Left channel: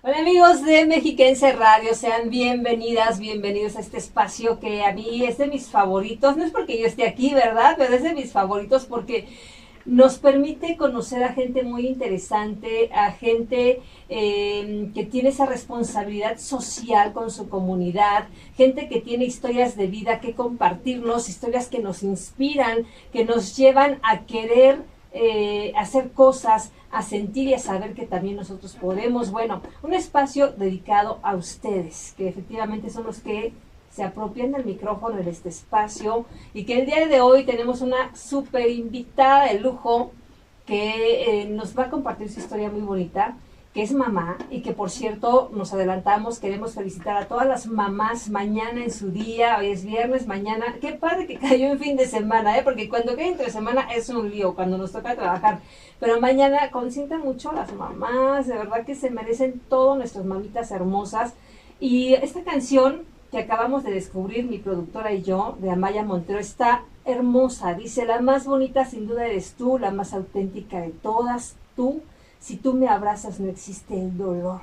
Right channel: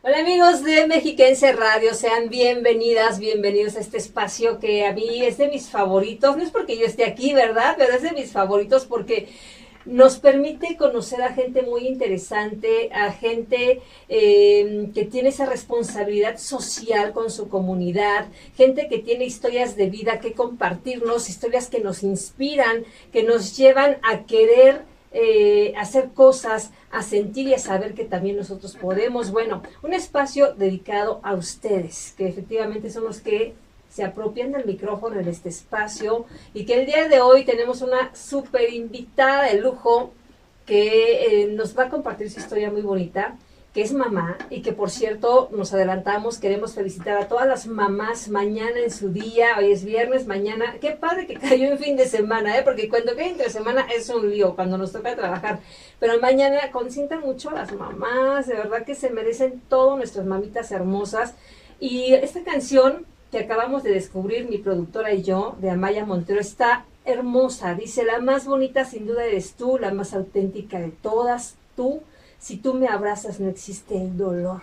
Hola amigos de Mexiquense Radio, sean bienvenidas, bienvenidos a este espacio que a mí es de mis favoritos, no es porque yo esté aquí, ¿verdad? Pero es de mis favoritos porque nos permite conocer a gente muy interesante, a gente que tiene esa responsabilidad social con su comunidad, gente que tiene historias de vida que compartirnos, historias que nos inspiran, que nos llevan a querer hacer cosas, a sentir y a saber que también nosotros podemos. Bueno, un espacio dedicado a ustedes, que efectivamente son los que se apropian del micrófono en este espacio y que el día de hoy tenemos una súper invitada de lujo que nos va a compartir su historia muy bonita, que es mamá y que por cierto nos adelantamos, queremos felicitar a todas las mamás mañana en su día, hoy es viernes, mañana, qué padre que cayó en fin de semana, porque cuando cae entre semana es un lío, cuando nos toca trabajar, pero mañana consientan mucho a las mamás, de verdad que se merecen todo nuestras mamitas hermosas y esta canción que acabamos de descubrir mi productora y yo, de Amaya Montero, está hermosa, dice, la más bonita sin duda eres tú, la más auténtica de todas, tú. Si tú me abrazas no existe el dolor.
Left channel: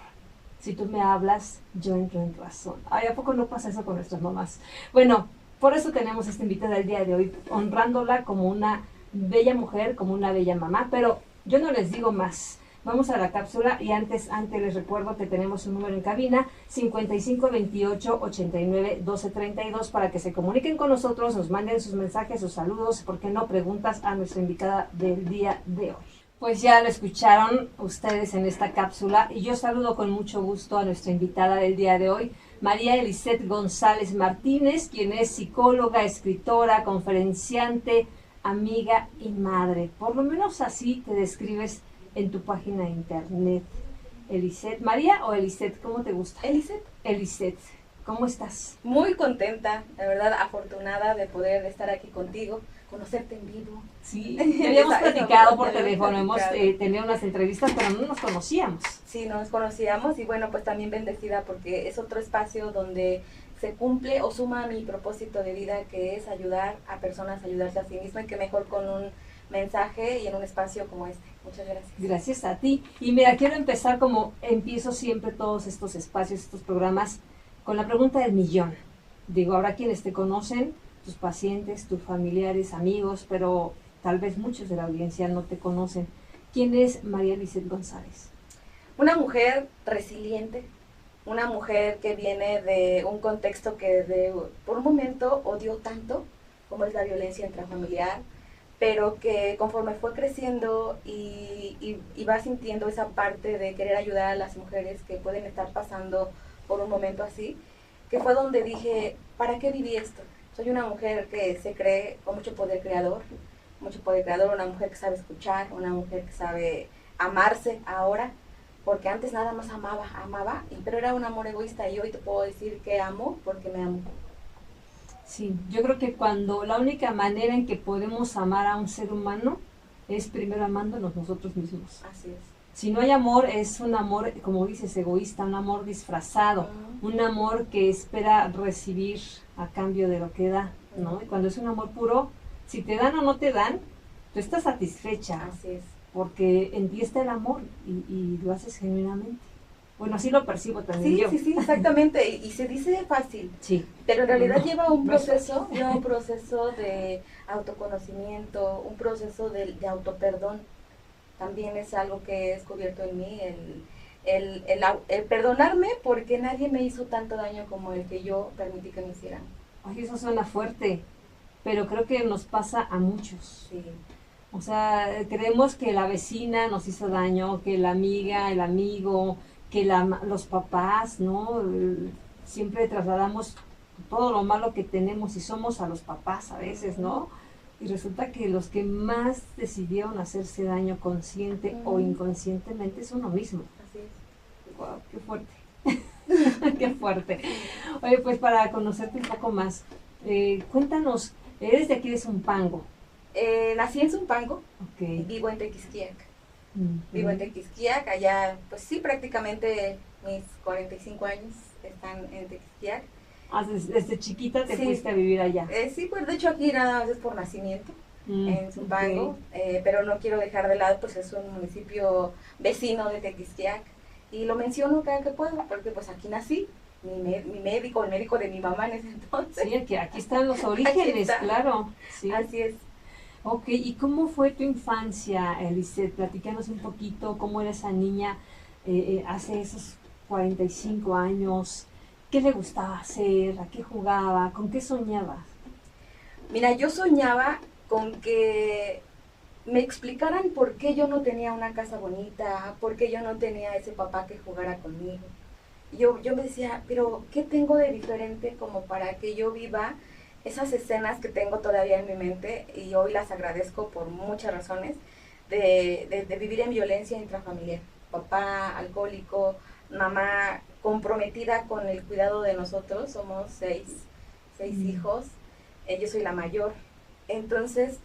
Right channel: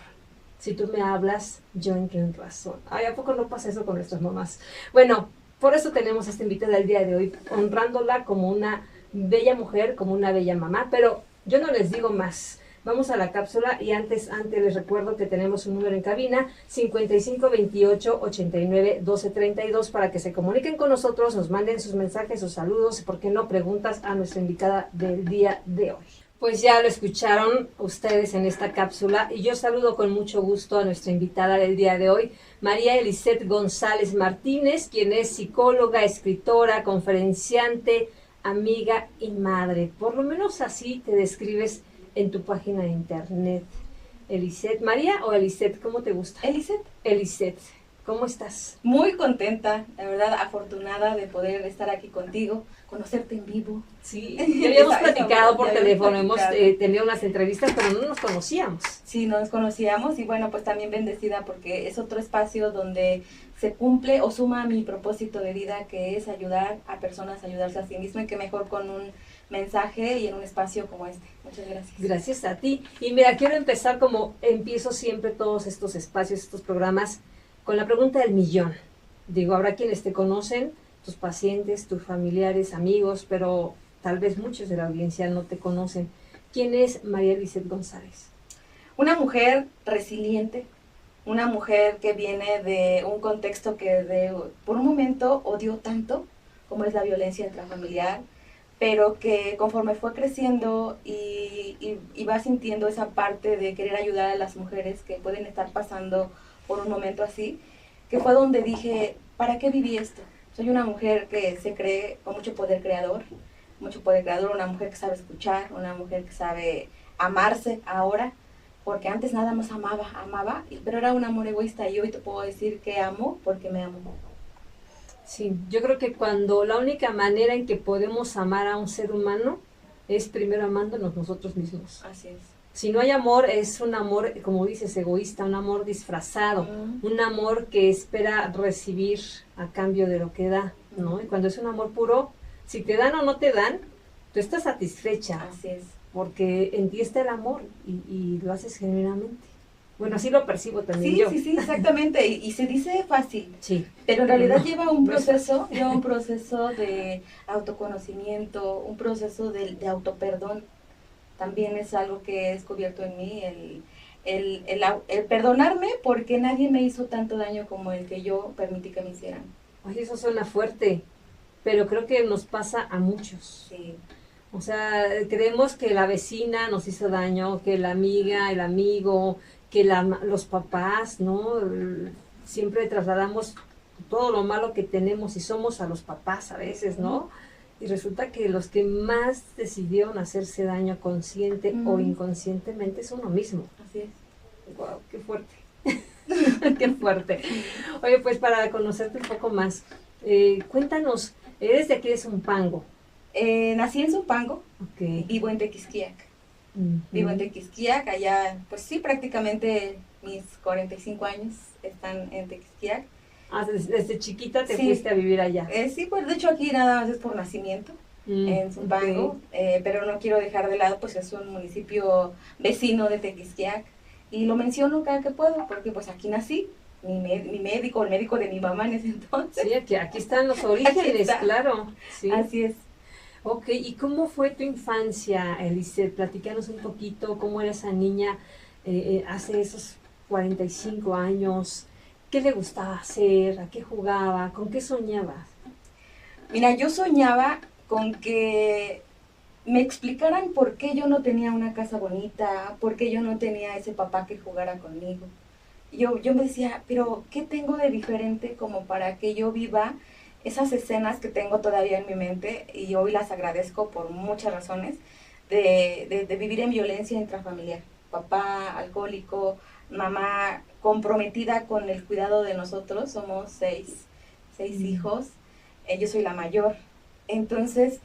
Si tú me hablas, yo entro en razón. Ay, ¿a poco no pasa eso con nuestras mamás? Bueno, por eso tenemos esta invitada el día de hoy, honrándola como una bella mujer, como una bella mamá, pero yo no les digo más. Vamos a la cápsula y antes les recuerdo que tenemos un número en cabina 55 28 89 12 32 para que se comuniquen con nosotros, nos manden sus mensajes, sus saludos, por qué no preguntas a nuestra invitada del día de hoy. Pues ya lo escucharon ustedes en esta cápsula y yo saludo con mucho gusto a nuestra invitada del día de hoy, María Eliseth González Martínez, quien es psicóloga, escritora, conferenciante, amiga y madre. Por lo menos así te describes en tu página de internet. Eliseth, ¿María o Eliseth? ¿Cómo te gusta? Eliseth. Eliseth, ¿cómo estás? Muy contenta, la verdad, afortunada de poder estar aquí contigo, conocerte en vivo. Sí, ya habíamos platicado por teléfono, hemos tenido unas entrevistas, pero no nos conocíamos. Sí, no nos conocíamos y bueno, pues también bendecida porque es otro espacio donde se cumple o suma mi propósito de vida, que es ayudar a personas a ayudarse a sí mismas y que mejor con un mensaje y en un espacio como este. Muchas gracias. Gracias a ti. Y mira, quiero empezar como empiezo siempre todos estos espacios, estos programas, con la pregunta del millón. Digo, habrá quienes te conocen, tus pacientes, tus familiares, amigos, pero tal vez muchos de la audiencia no te conocen. ¿Quién es María Eliseth González? Una mujer resiliente, una mujer que viene de un contexto que por un momento odió tanto, como es la violencia intrafamiliar, pero que conforme fue creciendo y va sintiendo esa parte de querer ayudar a las mujeres que pueden estar pasando por un momento así, que fue donde dije, ¿para qué viví esto? Soy una mujer que se cree con mucho poder creador, una mujer que sabe escuchar, una mujer que sabe amarse ahora, porque antes nada más amaba, pero era un amor egoísta y hoy te puedo decir que amo porque me amo. Sí, yo creo que cuando la única manera en que podemos amar a un ser humano es primero amándonos nosotros mismos. Así es. Si no hay amor, es un amor, como dices, egoísta, un amor disfrazado, un amor que espera recibir a cambio de lo que da, ¿no? Y cuando es un amor puro, si te dan o no te dan, tú estás satisfecha. Así es. Porque en ti está el amor y lo haces genuinamente. Bueno, así lo percibo también sí, yo. Sí, exactamente. Y se dice fácil. Sí. Pero en realidad no, lleva un no proceso, de autoconocimiento, un proceso de autoperdón. También es algo que he descubierto en mí, el perdonarme porque nadie me hizo tanto daño como el que yo permití que me hicieran. Ay, eso suena fuerte, pero creo que nos pasa a muchos. Sí. O sea, creemos que la vecina nos hizo daño, que la amiga, el amigo, que los papás, ¿no? Siempre trasladamos todo lo malo que tenemos y somos a los papás a veces, ¿no? Y resulta que los que más decidieron hacerse daño consciente o inconscientemente es uno mismo. Así es. Wow, qué fuerte. Qué fuerte. Oye, pues para conocerte un poco más, cuéntanos, eres de aquí de Zumpango. Nací en Zumpango, Okay. Vivo en Tequisquiac. Vivo en Tequisquiac, allá, pues sí, prácticamente mis 45 años están en Tequisquiac. Desde chiquita te fuiste a vivir allá. Sí, pues de hecho aquí nada más es por nacimiento, en Zumpango, pero no quiero dejar de lado, pues es un municipio vecino de Tequisquiac, Y lo menciono cada que puedo, porque pues aquí nací, mi médico, el médico de mi mamá en ese entonces. Sí, aquí están los orígenes, claro. Sí. Así es. Ok, ¿y cómo fue tu infancia, Elise? Platícanos un poquito cómo era esa niña hace esos 45 años. ¿Qué le gustaba hacer? ¿A qué jugaba? ¿Con qué soñaba? Mira, yo soñaba con que me explicaran por qué yo no tenía una casa bonita, por qué yo no tenía ese papá que jugara conmigo. Yo me decía, pero ¿qué tengo de diferente como para que yo viva esas escenas que tengo todavía en mi mente y hoy las agradezco por muchas razones de vivir en violencia intrafamiliar? Papá alcohólico, mamá comprometida con el cuidado de nosotros, somos seis hijos, yo soy la mayor. Entonces,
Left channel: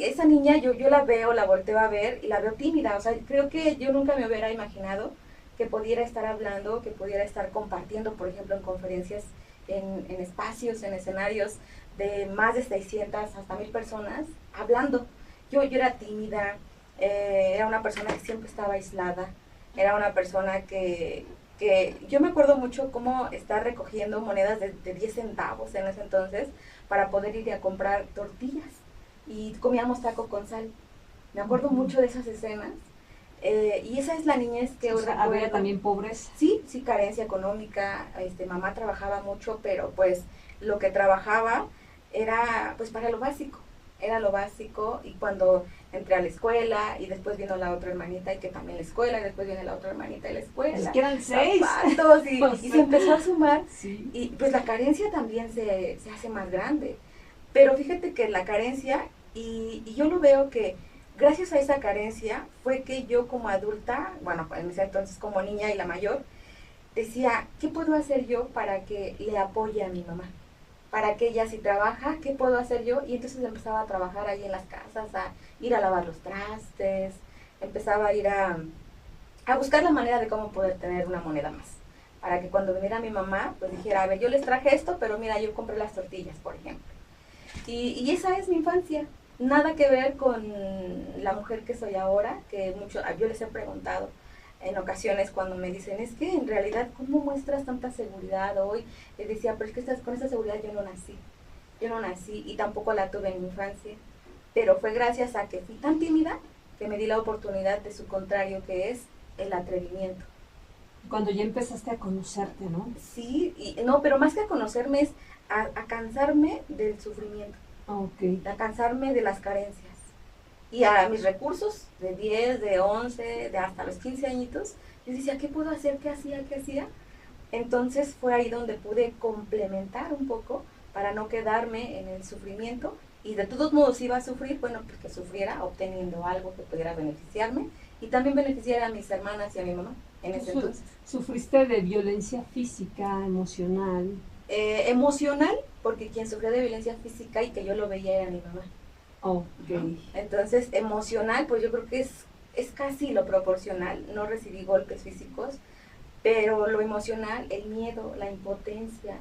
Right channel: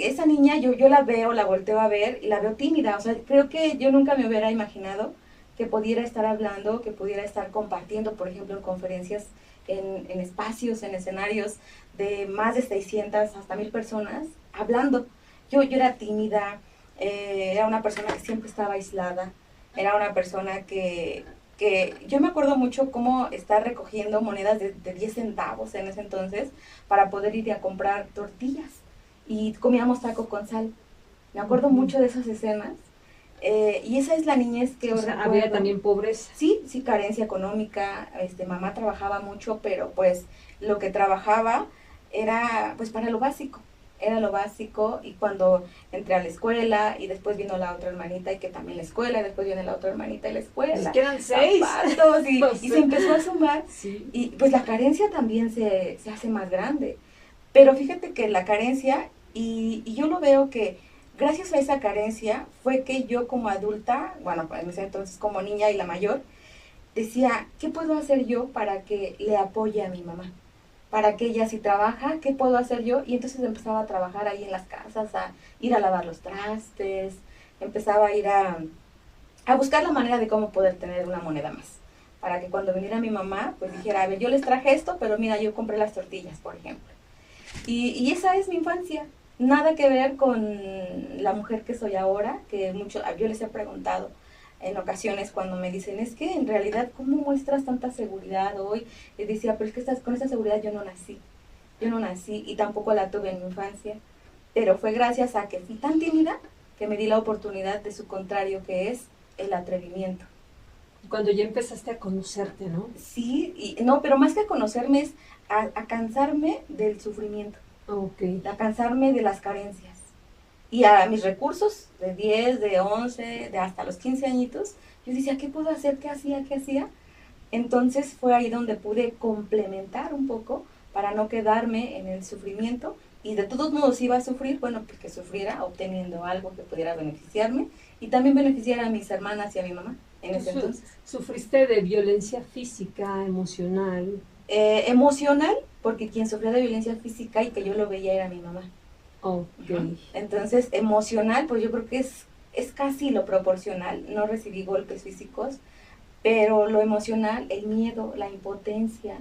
esa niña yo la veo, la volteo a ver y la veo tímida, o sea, creo que yo nunca me hubiera imaginado que pudiera estar hablando, que pudiera estar compartiendo, por ejemplo, en conferencias, en espacios, en escenarios de más de 600 hasta 1000 personas, hablando. Yo era tímida, era una persona que siempre estaba aislada, era una persona que yo me acuerdo mucho cómo estar recogiendo monedas de 10 centavos en ese entonces para poder ir a comprar tortillas y comíamos taco con sal. Me acuerdo mucho de esas escenas. Y esa es la niñez que O sea, había también pobreza. Sí, sí, carencia económica. Mamá trabajaba mucho, pero pues lo que trabajaba era pues para lo básico. Era lo básico, y cuando entré a la escuela y después vino la otra hermanita y que también la escuela, y después viene la otra hermanita y la escuela. Es que eran 6. Zapatos, y se empezó a sumar. Sí. Y pues la carencia también se hace más grande. Pero fíjate que la carencia, y yo lo veo que gracias a esa carencia fue que yo como adulta, bueno, en ese entonces como niña y la mayor, decía, ¿qué puedo hacer yo para que le apoye a mi mamá? Para que ella si trabaja, ¿qué puedo hacer yo? Y entonces empezaba a trabajar ahí en las casas, a ir a lavar los trastes, empezaba a ir a buscar la manera de cómo poder tener una moneda más. Para que cuando viniera mi mamá, pues dijera, a ver, yo les traje esto, pero mira, yo compré las tortillas, por ejemplo. Y esa es mi infancia. Nada que ver con la mujer que soy ahora, que yo les he preguntado en ocasiones cuando me dicen, es que en realidad, ¿cómo muestras tanta seguridad hoy? Y decía, pero es que con esa seguridad yo no nací y tampoco la tuve en mi infancia, pero fue gracias a que fui tan tímida que me di la oportunidad de su contrario, que es el atrevimiento. Cuando ya empezaste a conocerte, ¿no? Sí, no, pero más que a conocerme es a cansarme del sufrimiento. Okay. A cansarme de las carencias. Y a mis recursos, de 10, de 11, de hasta los 15 añitos, yo decía, ¿qué puedo hacer? ¿Qué hacía? Entonces fue ahí donde pude complementar un poco para no quedarme en el sufrimiento. Y de todos modos iba a sufrir, bueno, pues que sufriera obteniendo algo que pudiera beneficiarme y también beneficiar a mis hermanas y a mi mamá en ese entonces. ¿Sufriste de violencia física, emocional? Emocional, porque quien sufrió de violencia física y que yo lo veía era mi mamá. Okay. Entonces, emocional, pues yo creo que es casi lo proporcional. No recibí golpes físicos, pero lo emocional, el miedo, la impotencia,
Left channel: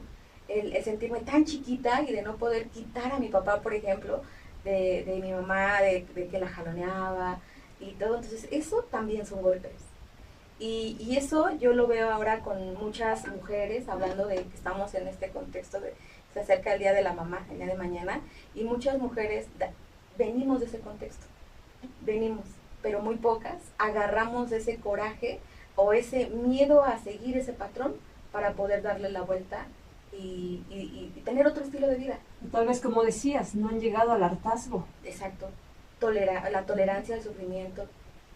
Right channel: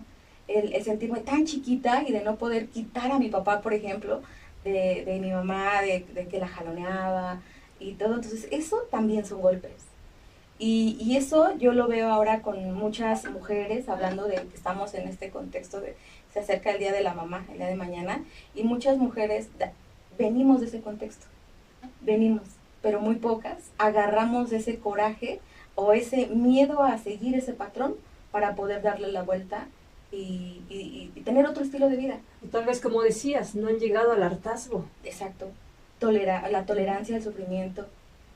el sentirme tan chiquita y de no poder quitar a mi papá, por ejemplo, de mi mamá, de que la jaloneaba y todo. Entonces, eso también son golpes. Y eso yo lo veo ahora con muchas mujeres, hablando de que estamos en este contexto de se acerca el Día de la Mamá, el día de mañana, y muchas mujeres venimos de ese contexto, pero muy pocas agarramos ese coraje o ese miedo a seguir ese patrón para poder darle la vuelta y tener otro estilo de vida. Tal vez, como decías, no han llegado al hartazgo. Exacto, la tolerancia al sufrimiento.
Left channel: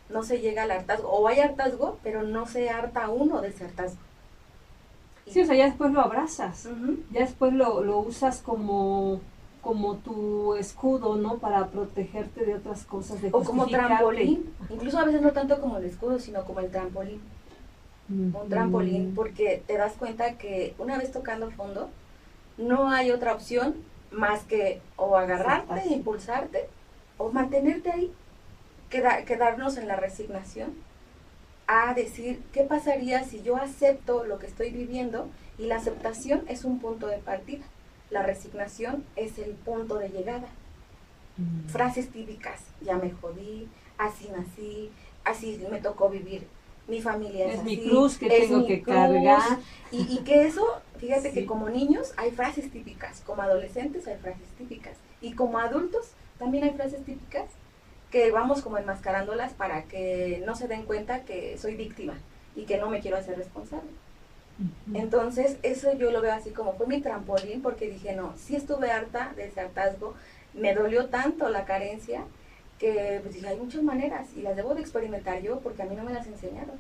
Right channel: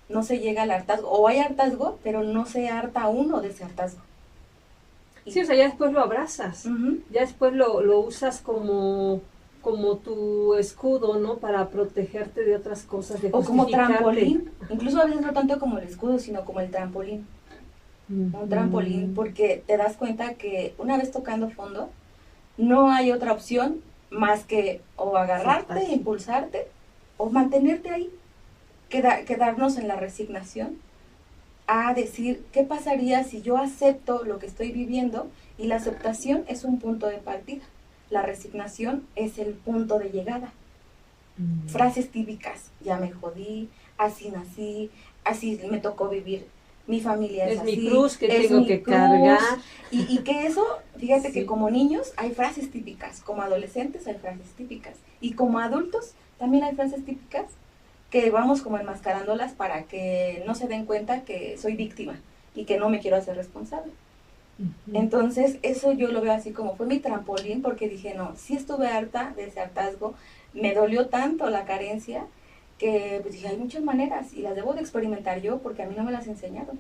No se llega al hartazgo, o hay hartazgo, pero no se harta uno de ese hartazgo. Sí, o sea, ya después lo abrazas, ya después lo usas como tu escudo, ¿no? Para protegerte de otras cosas, de o como trampolín, incluso a veces no tanto como el escudo, sino como el trampolín. Un trampolín, porque te das cuenta que una vez tocando fondo, no hay otra opción más que o agarrarte, impulsarte, o mantenerte ahí. Quedarnos en la resignación a decir, ¿qué pasaría si yo acepto lo que estoy viviendo? Y la aceptación es un punto de partida, la resignación es el punto de llegada. Frases típicas, ya me jodí, así nací, así me tocó vivir mi familia es Es así, mi cruz que es tengo mi que cruz. cargar. Y que eso, fíjate Sí. que como niños hay frases típicas, como adolescentes hay frases típicas, y como adultos también hay frases típicas que vamos como enmascarándolas para que no se den cuenta que soy víctima y que no me quiero hacer responsable. Entonces, eso yo lo veo así como fue mi trampolín, porque dije, no, sí estuve harta de ese hartazgo, me dolió tanto la carencia, que pues dije, hay muchas maneras y las debo de experimentar yo porque a mí no me las enseñaron.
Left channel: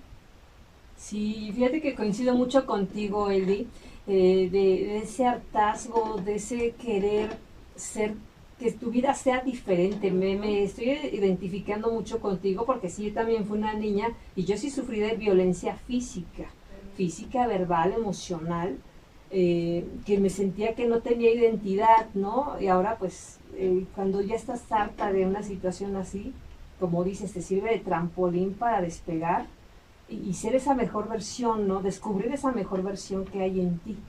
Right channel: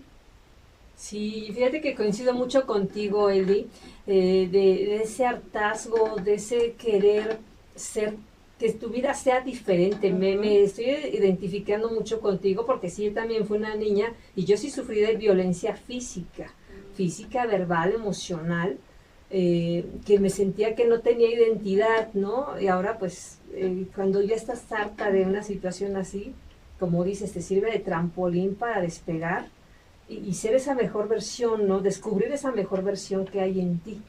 Sí, fíjate que coincido mucho contigo, Eli, de ese hartazgo, de ese querer ser, que tu vida sea diferente. Me estoy identificando mucho contigo porque sí, yo también fui una niña y yo sí sufrí de violencia física, física, verbal, emocional, que me sentía que no tenía identidad, ¿no? Y ahora pues cuando ya estás harta de una situación así, como dices, te sirve de trampolín para despegar y ser esa mejor versión, ¿no? Descubrir esa mejor versión que hay en ti,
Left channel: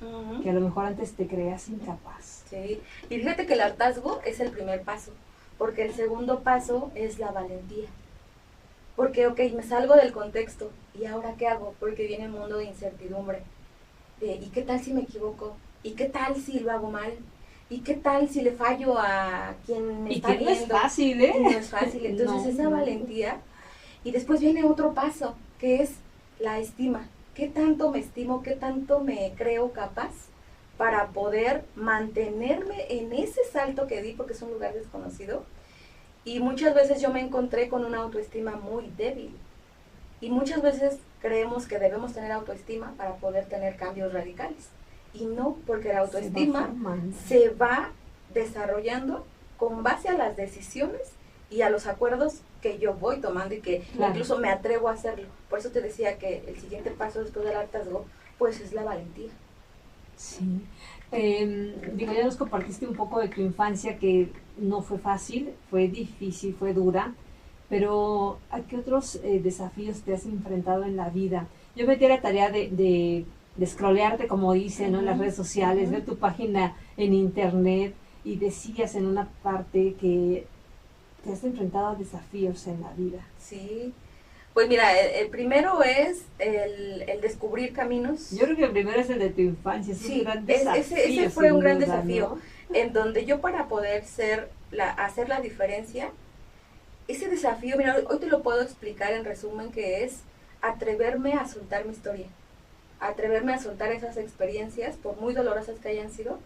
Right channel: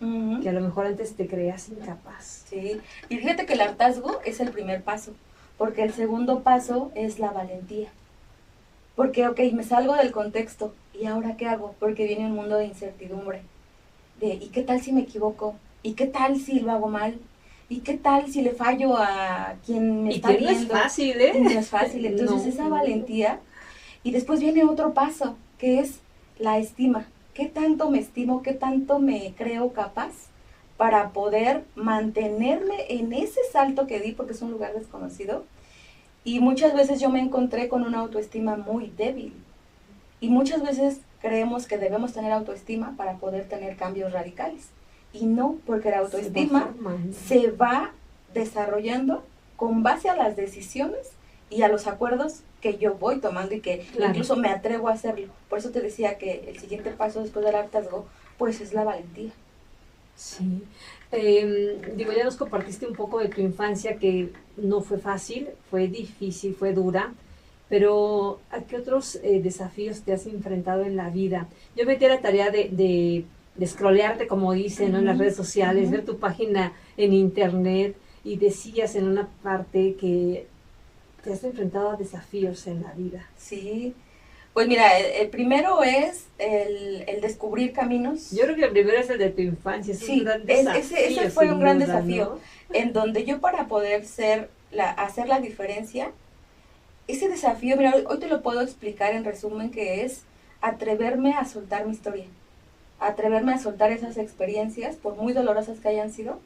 que a lo mejor antes te creas incapaz. Sí, y fíjate que el hartazgo es el primer paso, porque el segundo paso es la valentía. Porque, ok, me salgo del contexto, ¿y ahora qué hago? Porque viene un mundo de incertidumbre, de ¿y qué tal si me equivoco? ¿Y qué tal si lo hago mal? ¿Y qué tal si le fallo a quien me Y está que no es viendo? fácil, ¿eh? Y no es fácil, entonces No, esa no. valentía. Y después viene otro paso, que es la estima. ¿Qué tanto me estimo? ¿Qué tanto me creo capaz para poder mantenerme en ese salto que di, porque es un lugar desconocido? Y muchas veces yo me encontré con una autoestima muy débil. Y muchas veces creemos que debemos tener autoestima para poder tener cambios radicales. Y no, porque la autoestima se va desarrollando con base a las decisiones y a los acuerdos que yo voy tomando y que incluso me atrevo a hacerlo. Por eso te decía que el siguiente paso después del hartazgo, pues es la valentía. Sí. Digo, ya nos compartiste un poco de tu infancia que no fue fácil, fue difícil, fue dura, pero ¿a qué otros desafíos te has enfrentado en la vida? Yo metí la tarea de scrollearte, como dicen, ¿no? En las redes sociales, ver tu página en internet y decías en una parte que te has enfrentado a desafíos en la vida. Sí, pues mira, el primero es el descubrir caminos. Yo creo que el primero es el de tu infancia, es un gran desafío. Ese fue un gran duda, desafío, ¿no? en donde yo para poder hacer la diferencia, ese desafío, mira, hoy te lo puedo explicar en resumen, que es atreverme a soltar mi historia, atreverme a soltar esas experiencias, por muy dolorosas que hayan sido,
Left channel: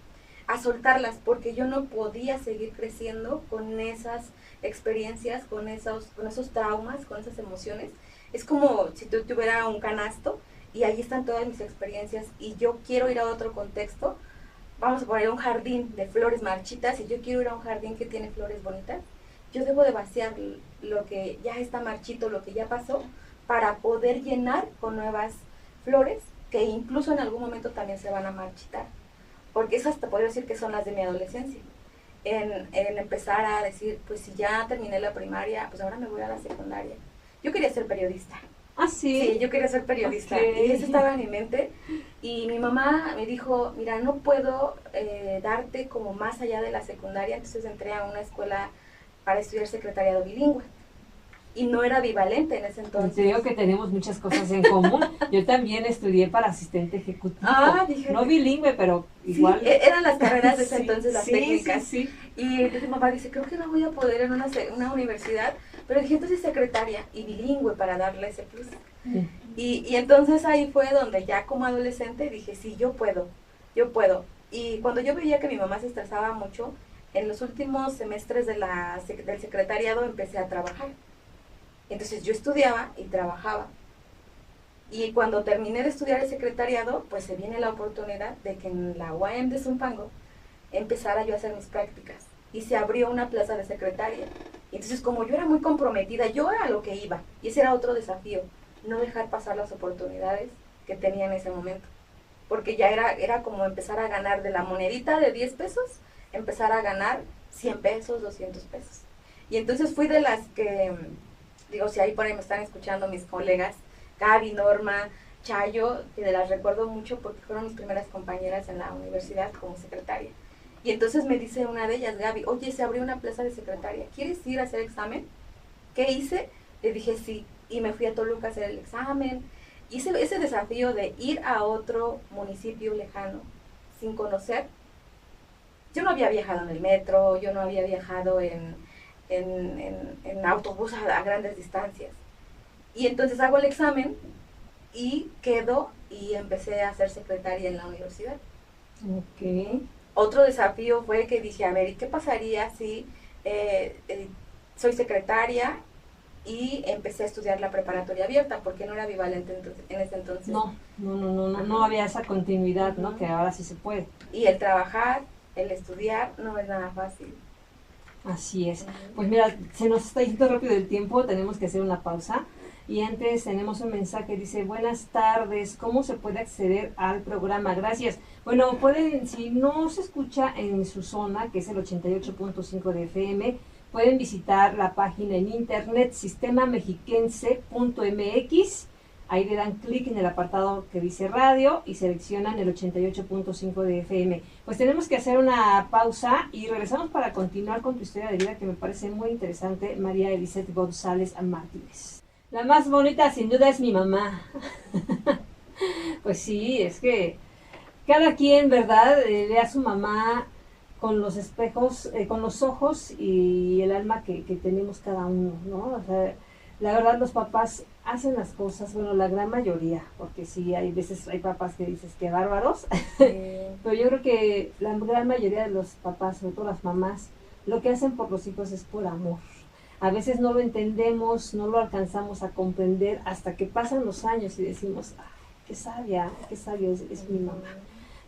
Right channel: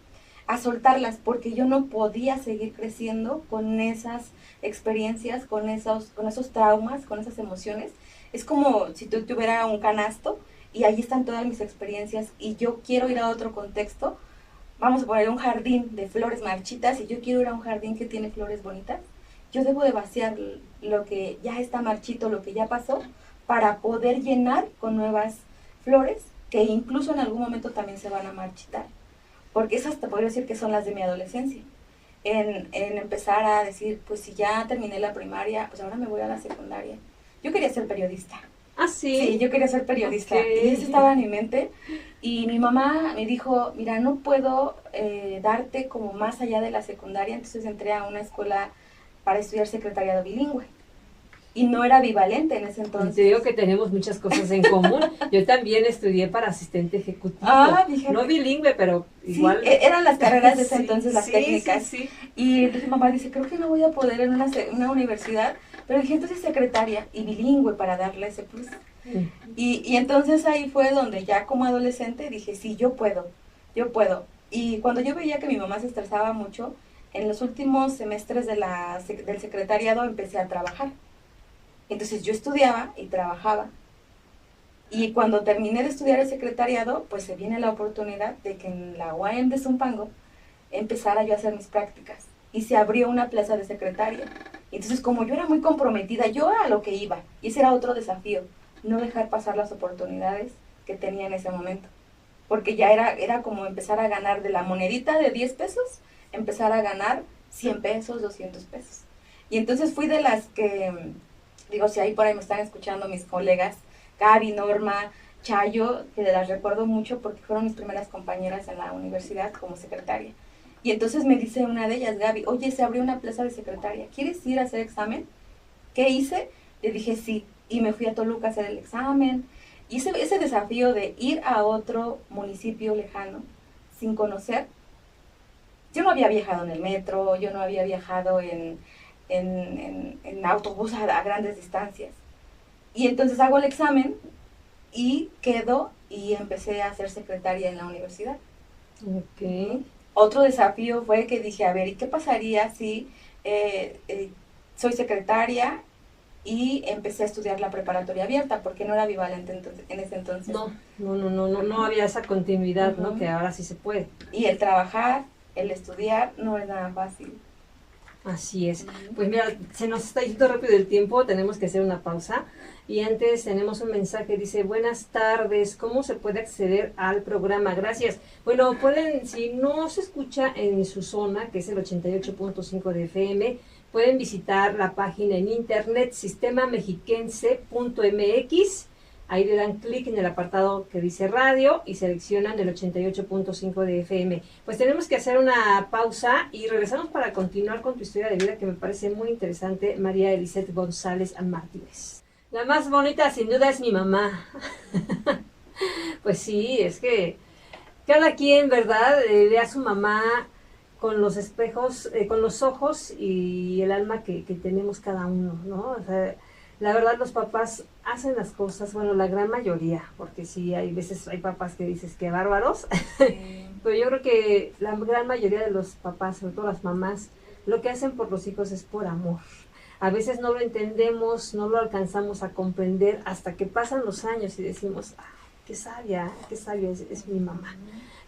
a soltarlas, porque yo no podía seguir creciendo con esas experiencias, con esos traumas, con esas emociones. Es como si tú tuvieras un canasto y ahí están todas mis experiencias y yo quiero ir a otro contexto. Vamos a poner un jardín de flores marchitas y yo quiero ir a un jardín que tiene flores bonitas. Yo debo de vaciar lo que ya está marchito, lo que ya pasó, para poder llenar con nuevas flores que incluso en algún momento también se van a marchitar. Porque esas te podría decir que son las de mi adolescencia. En empezar a decir, pues si ya terminé la primaria, pues ahora me voy a la secundaria. Yo quería ser periodista. ¿Ah, sí? Sí, yo quería ser periodista. Okay. Y eso estaba en mi mente. Y mi mamá me dijo, mira, no puedo darte como más allá de la secundaria. Entonces entré a una escuela para estudiar secretariado bilingüe. Y no era bivalente en ese entonces. Te digo que tenemos muchas cosas en común. Yo también estudié para asistente ejecutivo. No bilingüe, pero igual. Sí, eran las carreras de ese entonces, las técnicas. Sí. Y entonces mamá dice, creo que no voy a poder en una universidad. Pero dije, entonces secretaria y bilingüe para darle ese plus. Y entonces ahí fue donde ya como adolescente dije, sí, yo puedo. Y cuando yo veía que mi mamá se estresaba mucho, en los últimos semestres del secretariado empecé a trabajar. Entonces yo estudiaba y trabajaba. Y cuando terminé de estudiar el secretariado, pues se viene la oportunidad de que en la UAM de Zumpango empezara yo a hacer mis prácticas. Y se abrió una plaza de secretaria. Entonces, como yo era muy comprometida, yo a lo que iba. Y ese era otro desafío, no dejar pasar las oportunidades que tenía en ese momento. Porque ya era como empezar a ganar de la monedita de 10 pesos, empezar a ganar 100 pesos, 200 pesos. Y entonces fui de las que, digo, si ahí por ahí me están escuchando mis colegas, Gaby, Norma, Chayo, que las recuerdo mucho porque fueron mis primeras compañeras en la universidad como secretaria. Y entonces me dice una de ellas, Gaby, oye, se abrió una plaza de secretaria, ¿quieres ir a hacer examen? ¿Qué hice? Le dije sí. y me fui a Toluca a hacer el examen. Y ese desafío de ir a otro municipio lejano sin conocer, yo no había viajado en el metro, yo no había viajado en autobús a grandes distancias. Y entonces hago el examen y quedo y empecé a ser secretaria en la universidad. Ok. Otro desafío fue que dije, a ver, ¿y qué pasaría si soy secretaria y empecé a estudiar la preparatoria abierta? Porque no era bivalente en ese entonces. No había esa continuidad, ¿no? Que ahora sí se puede. Y el trabajar, el estudiar, no es nada fácil. Así es. Pues mira, se nos está yendo rápido el tiempo, tenemos que hacer una pausa. Y antes tenemos un mensaje, dice, buenas tardes, ¿cómo se puede acceder al programa? Gracias. Bueno, pueden, si no se escucha en su zona, que es el 88.5 de FM, pueden visitar la página en internet sistemamexiquense.mx. Ahí le dan clic en el apartado que dice radio y seleccionan el 88.5 de FM. Pues tenemos que hacer una pausa y regresamos para continuar con tu historia de vida que me parece muy interesante, María Eliseth González Martínez. La más bonita sin duda es mi mamá. Pues sí, es que cada quien, ¿verdad? Ve a su mamá con los espejos, con los ojos y el alma que tenemos cada uno, ¿no? O sea, la verdad los papás hacen las cosas, bueno, la gran mayoría, porque sí, hay veces hay papás que dices que bárbaros, pero yo creo que la gran mayoría de los papás, sobre todo las mamás, lo que hacen por los hijos es por amor. A veces no lo entendemos, no lo alcanzamos a comprender hasta que pasan los años y decimos, qué sabia es mi mamá.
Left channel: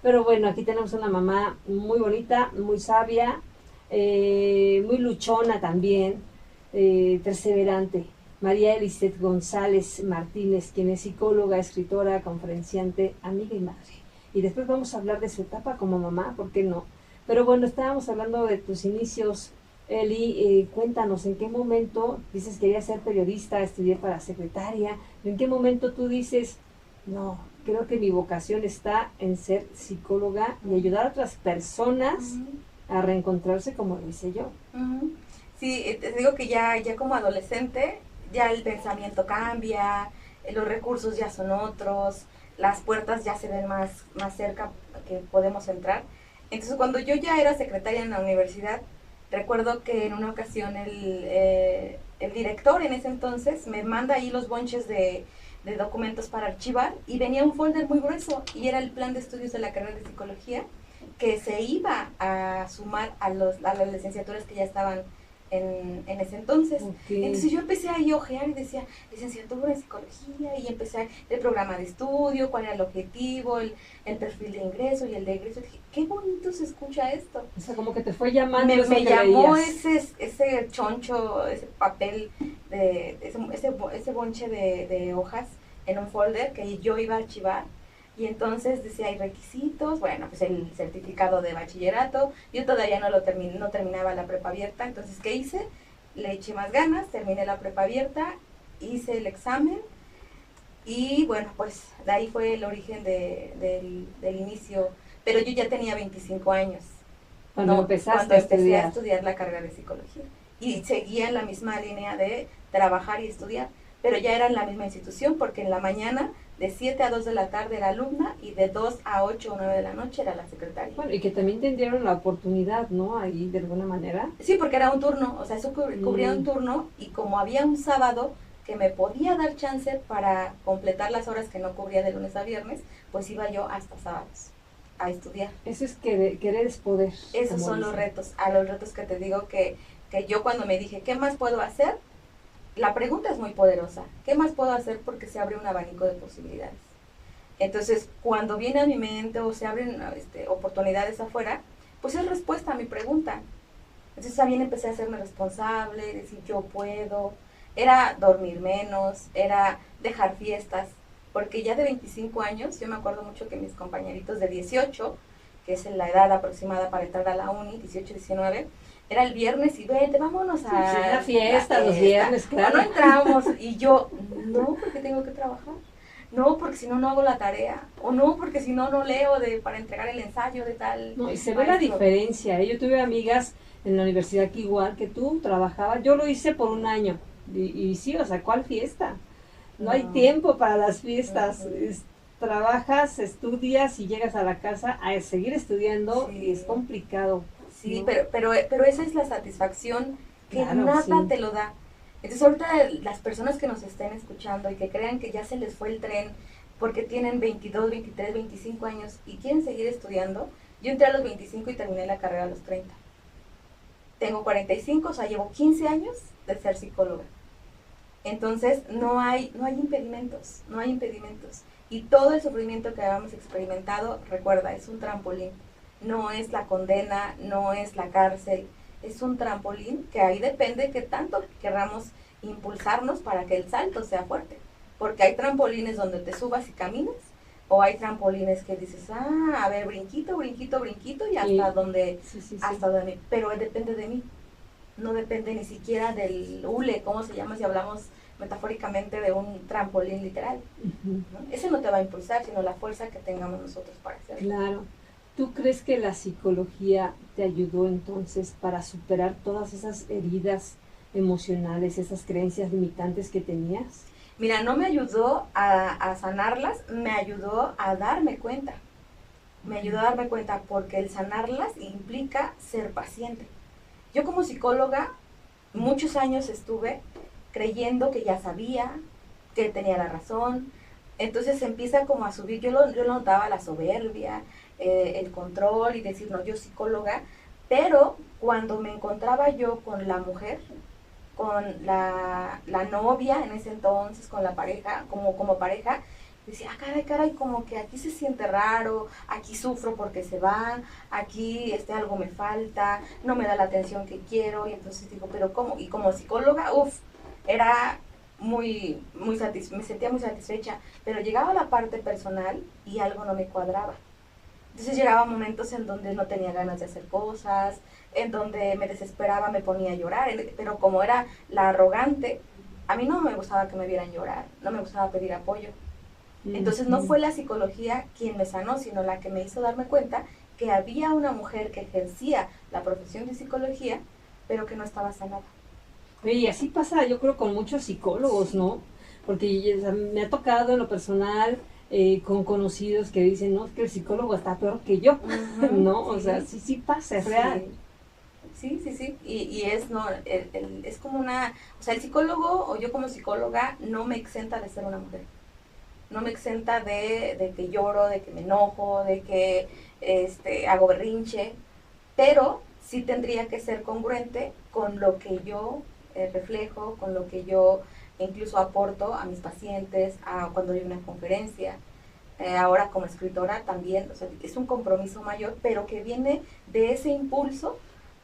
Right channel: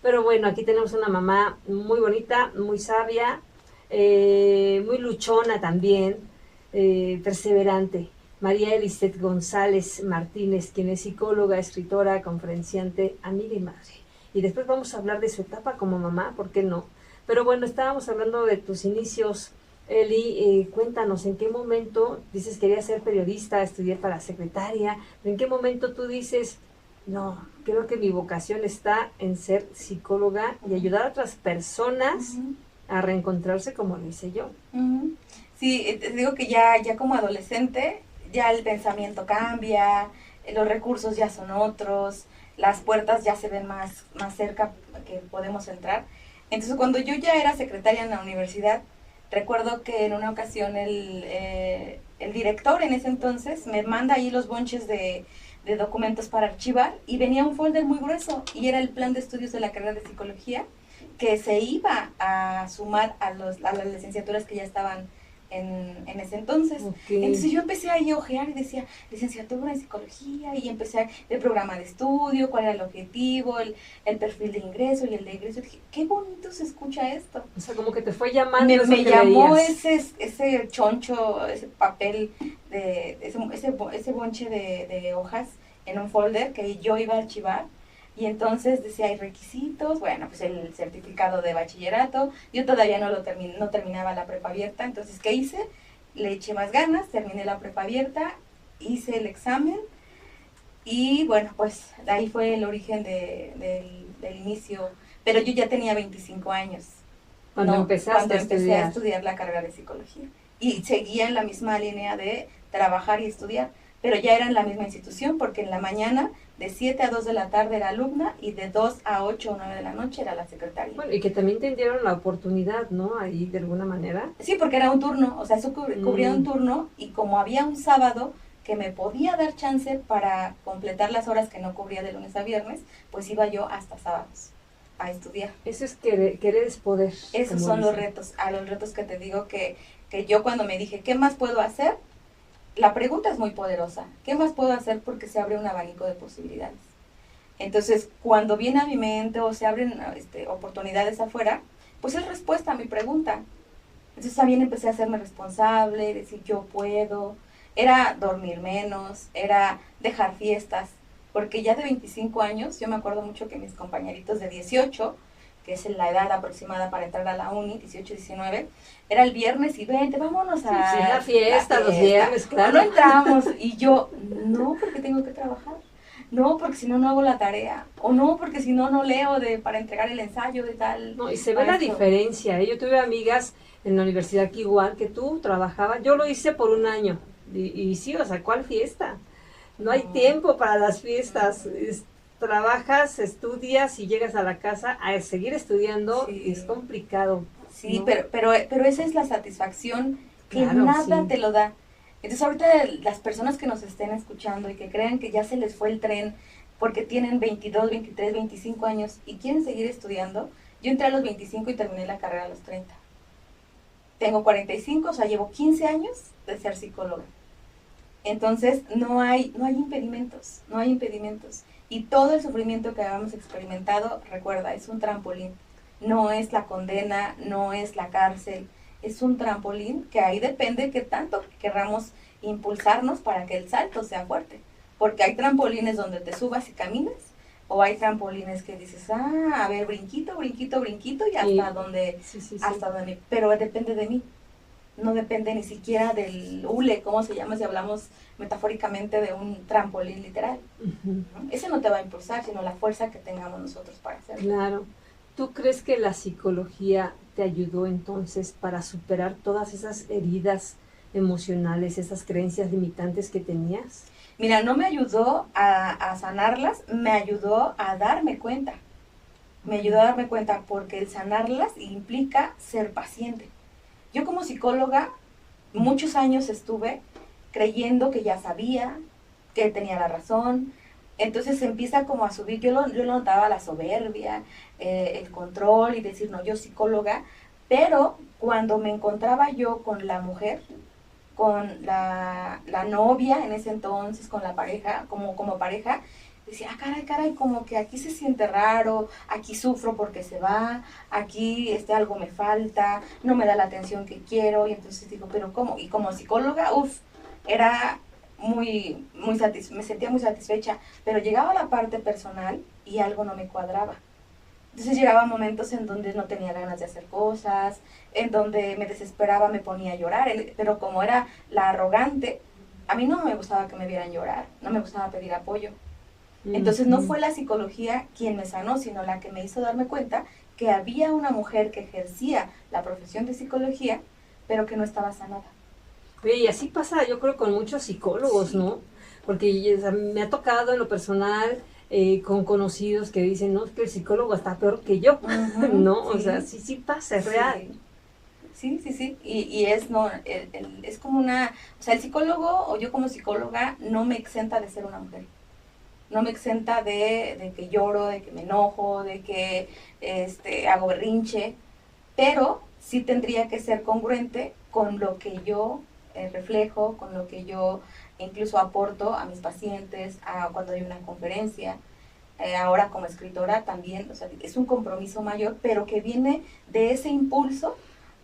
Pero bueno, aquí tenemos una mamá muy bonita, muy sabia, muy luchona también, perseverante. María Eliseth González Martínez, quien es psicóloga, escritora, conferenciante, amiga y madre. Y después vamos a hablar de su etapa como mamá, ¿por qué no? Pero bueno, estábamos hablando de tus inicios. Eli, cuéntanos, ¿en qué momento dices querías ser periodista, estudié para secretaria? ¿En qué momento tú dices, no, creo que mi vocación está en ser psicóloga y ayudar a otras personas a reencontrarse como lo hice yo? Sí, te digo que ya como adolescente, ya el pensamiento cambia, los recursos ya son otros, las puertas ya se ven más cerca que podemos entrar. Entonces, cuando yo ya era secretaria en la universidad, recuerdo que en una ocasión el director en ese entonces me manda ahí los bonches de documentos para archivar y venía un folder muy grueso y era el plan de estudios de la carrera de psicología que se iba a sumar a las licenciaturas que ya estaban en ese entonces. Okay. Entonces yo empecé a ojear y decía, licenciatura en psicología, y empecé el programa de estudio, cuál era el objetivo, el perfil de ingreso y el de egreso. Dije, qué bonito se escucha esto. O sea, como que te fue llamando. Me llamó ese choncho, ese papel, ese bonche de hojas en un folder que yo iba a archivar. Y entonces decía, hay requisitos, bueno, pues el certificado de bachillerato, yo todavía no terminaba la prepa abierta, entonces, ¿qué hice? Le eché más ganas, terminé la prepa abierta, hice el examen, y bueno, pues de ahí fue el origen del inicio, pero yo ya tenía 25 años. Cuando empecé a estudiar la carrera de psicología, y seguía en la misma línea de trabajar y estudiar, pero ya era en la misma institución, porque en la mañana de 7 a 2 de la tarde era alumna y de 2 a 8 o 9 de la noche era la secretaria. Bueno, y que también te dieron la oportunidad, ¿no? Ahí de alguna manera. Sí, porque era un turno, o sea, eso cubría un turno, y como había un sábado que me podía dar chance para completar las horas que no cubría de lunes a viernes, pues iba yo hasta sábados a estudiar. Eso es querer es poder. Esos son los retos, los retos que te digo que yo cuando me dije, ¿qué más puedo hacer? La pregunta es muy poderosa. ¿Qué más puedo hacer? Porque se abre un abanico de posibilidades. Entonces, cuando viene a mi mente o se abren oportunidades afuera, pues es respuesta a mi pregunta. Entonces también empecé a hacerme responsable, decir yo puedo. Era dormir menos, era dejar fiestas. Porque ya de 25 años, yo me acuerdo mucho que mis compañeritos de 18, que es la edad aproximada para entrar a la uni, 18, 19, era el viernes y vente, vámonos a la fiesta, los viernes, claro. No entramos, y yo, no, porque tengo que trabajar, no, porque si no, no hago la tarea, o no, porque si no, no leo para entregar el ensayo de tal. No, y se ve la diferencia, ¿eh? Yo tuve amigas en la universidad que igual que tú trabajaba, yo lo hice por un año, y sí, o sea, ¿cuál fiesta? no hay tiempo para las fiestas. Trabajas, estudias y llegas a la casa a seguir estudiando y es complicado. Sí, ¿no? pero esa es la satisfacción que Claro, nada sí. te lo da. Entonces ahorita las personas que nos estén escuchando y que crean que ya se les fue el tren porque tienen 22, 23, 25 años y quieren seguir estudiando, yo entré a los 25 y terminé la carrera a los 30. Tengo 45, o sea, llevo 15 años de ser psicóloga. Entonces no hay impedimentos, no hay impedimentos. Y todo el sufrimiento que habíamos experimentado, recuerda, es un trampolín. No es la condena, no es la cárcel, es un trampolín que ahí depende que tanto querramos impulsarnos para que el salto sea fuerte. Porque hay trampolines donde te subas y caminas, o hay trampolines que dices, a ver, brinquito, brinquito, brinquito, y hasta donde, hasta donde, pero depende de mí. No depende ni siquiera del hule, ¿cómo se llama? Si hablamos metafóricamente de un trampolín literal. Uh-huh. Ese no te va a impulsar, sino la fuerza que tengamos nosotros para hacerlo. Claro. ¿Tú crees que la psicología te ayudó entonces para superar todas esas heridas emocionales, esas creencias limitantes que tenías? Mira, no me ayudó a sanarlas, me ayudó a darme cuenta. Me ayudó a darme cuenta porque el sanarlas implica ser paciente. Yo como psicóloga muchos años estuve creyendo que ya sabía, que tenía la razón. Entonces se empieza como a subir, yo lo notaba la soberbia, el control y decir, no, yo psicóloga, pero cuando me encontraba yo con la mujer, con la novia en ese entonces, con la pareja, como pareja, decía, caray, como que aquí se siente raro, aquí sufro porque se va, aquí algo me falta, no me da la atención que quiero, y entonces digo, pero ¿cómo? Y como psicóloga, era me sentía muy satisfecha, pero llegaba a la parte personal y algo no me cuadraba. Entonces llegaban momentos en donde no tenía ganas de hacer cosas, en donde me desesperaba, me ponía a llorar, pero como era la arrogante, a mí no me gustaba que me vieran llorar, no me gustaba pedir apoyo. Entonces no fue la psicología quien me sanó, sino la que me hizo darme cuenta que había una mujer que ejercía la profesión de psicología, pero que no estaba sanada. Oye, y así pasa, yo creo, con muchos psicólogos, ¿no? Porque o sea, me ha tocado en lo personal con conocidos que dicen, no, es que el psicólogo está peor que yo, ¿no? O sea, sí pasa, es real. Sí. Y es, no, es como una, o sea, el psicólogo o yo como psicóloga no me exenta de ser una mujer. No me exenta de que lloro, de que me enojo, de que hago berrinche, pero sí tendría que ser congruente con lo que yo reflejo, con lo que yo incluso aporto a mis pacientes, cuando doy una conferencia, ahora como escritora también, o sea, es un compromiso mayor, pero que viene de ese impulso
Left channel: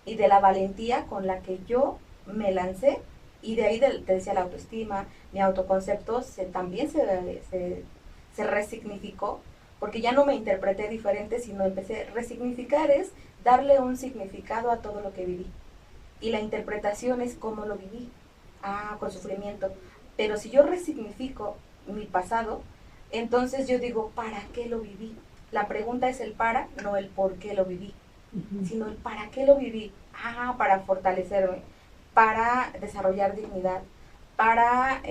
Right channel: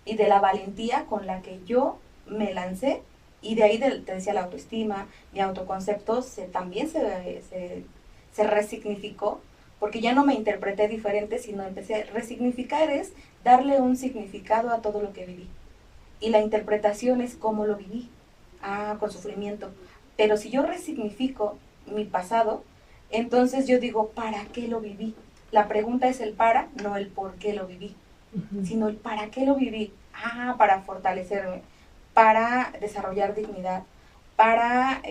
y de la valentía con la que yo me lancé. Y de ahí, te decía, la autoestima, mi autoconcepto también se resignificó, porque ya no me interpreté diferente, sino empecé a resignificar, es darle un significado a todo lo que viví. Y la interpretación es cómo lo viví, con sufrimiento. Pero si yo resignifico mi pasado, entonces yo digo, ¿para qué lo viví? La pregunta es el para, no el por qué lo viví, sino el para qué lo viví. Para fortalecerme, para desarrollar dignidad, para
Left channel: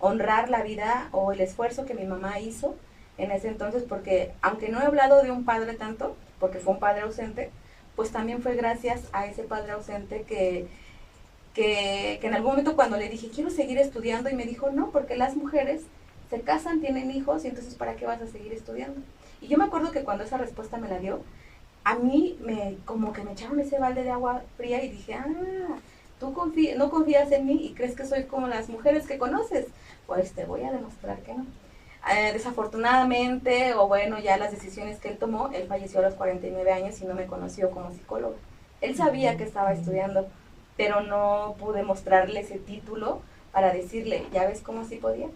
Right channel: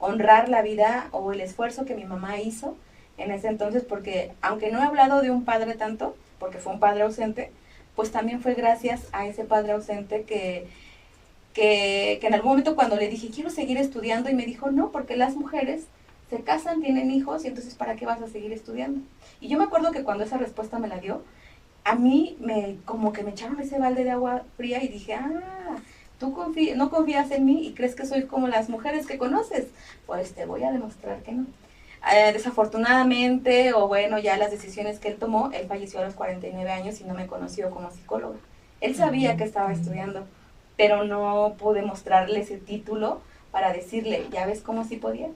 honrar la vida o el esfuerzo que mi mamá hizo en ese entonces, porque aunque no he hablado de un padre tanto, porque fue un padre ausente, pues también fue gracias a ese padre ausente que en algún momento cuando le dije, quiero seguir estudiando, y me dijo, no, porque las mujeres se casan, tienen hijos, y entonces ¿para qué vas a seguir estudiando? Y yo me acuerdo que cuando esa respuesta me la dio, a mí como que me echaron ese balde de agua fría y dije, tú no confías en mí y crees que soy como las mujeres que conoces, pues te voy a demostrar que no. Desafortunadamente, o bueno, ya las decisiones que él tomó, él falleció a los 49 años y no me conoció como psicóloga. Él sabía que estaba estudiando, pero no pude mostrarle ese título para decirle, ¿ya ves cómo sí podía?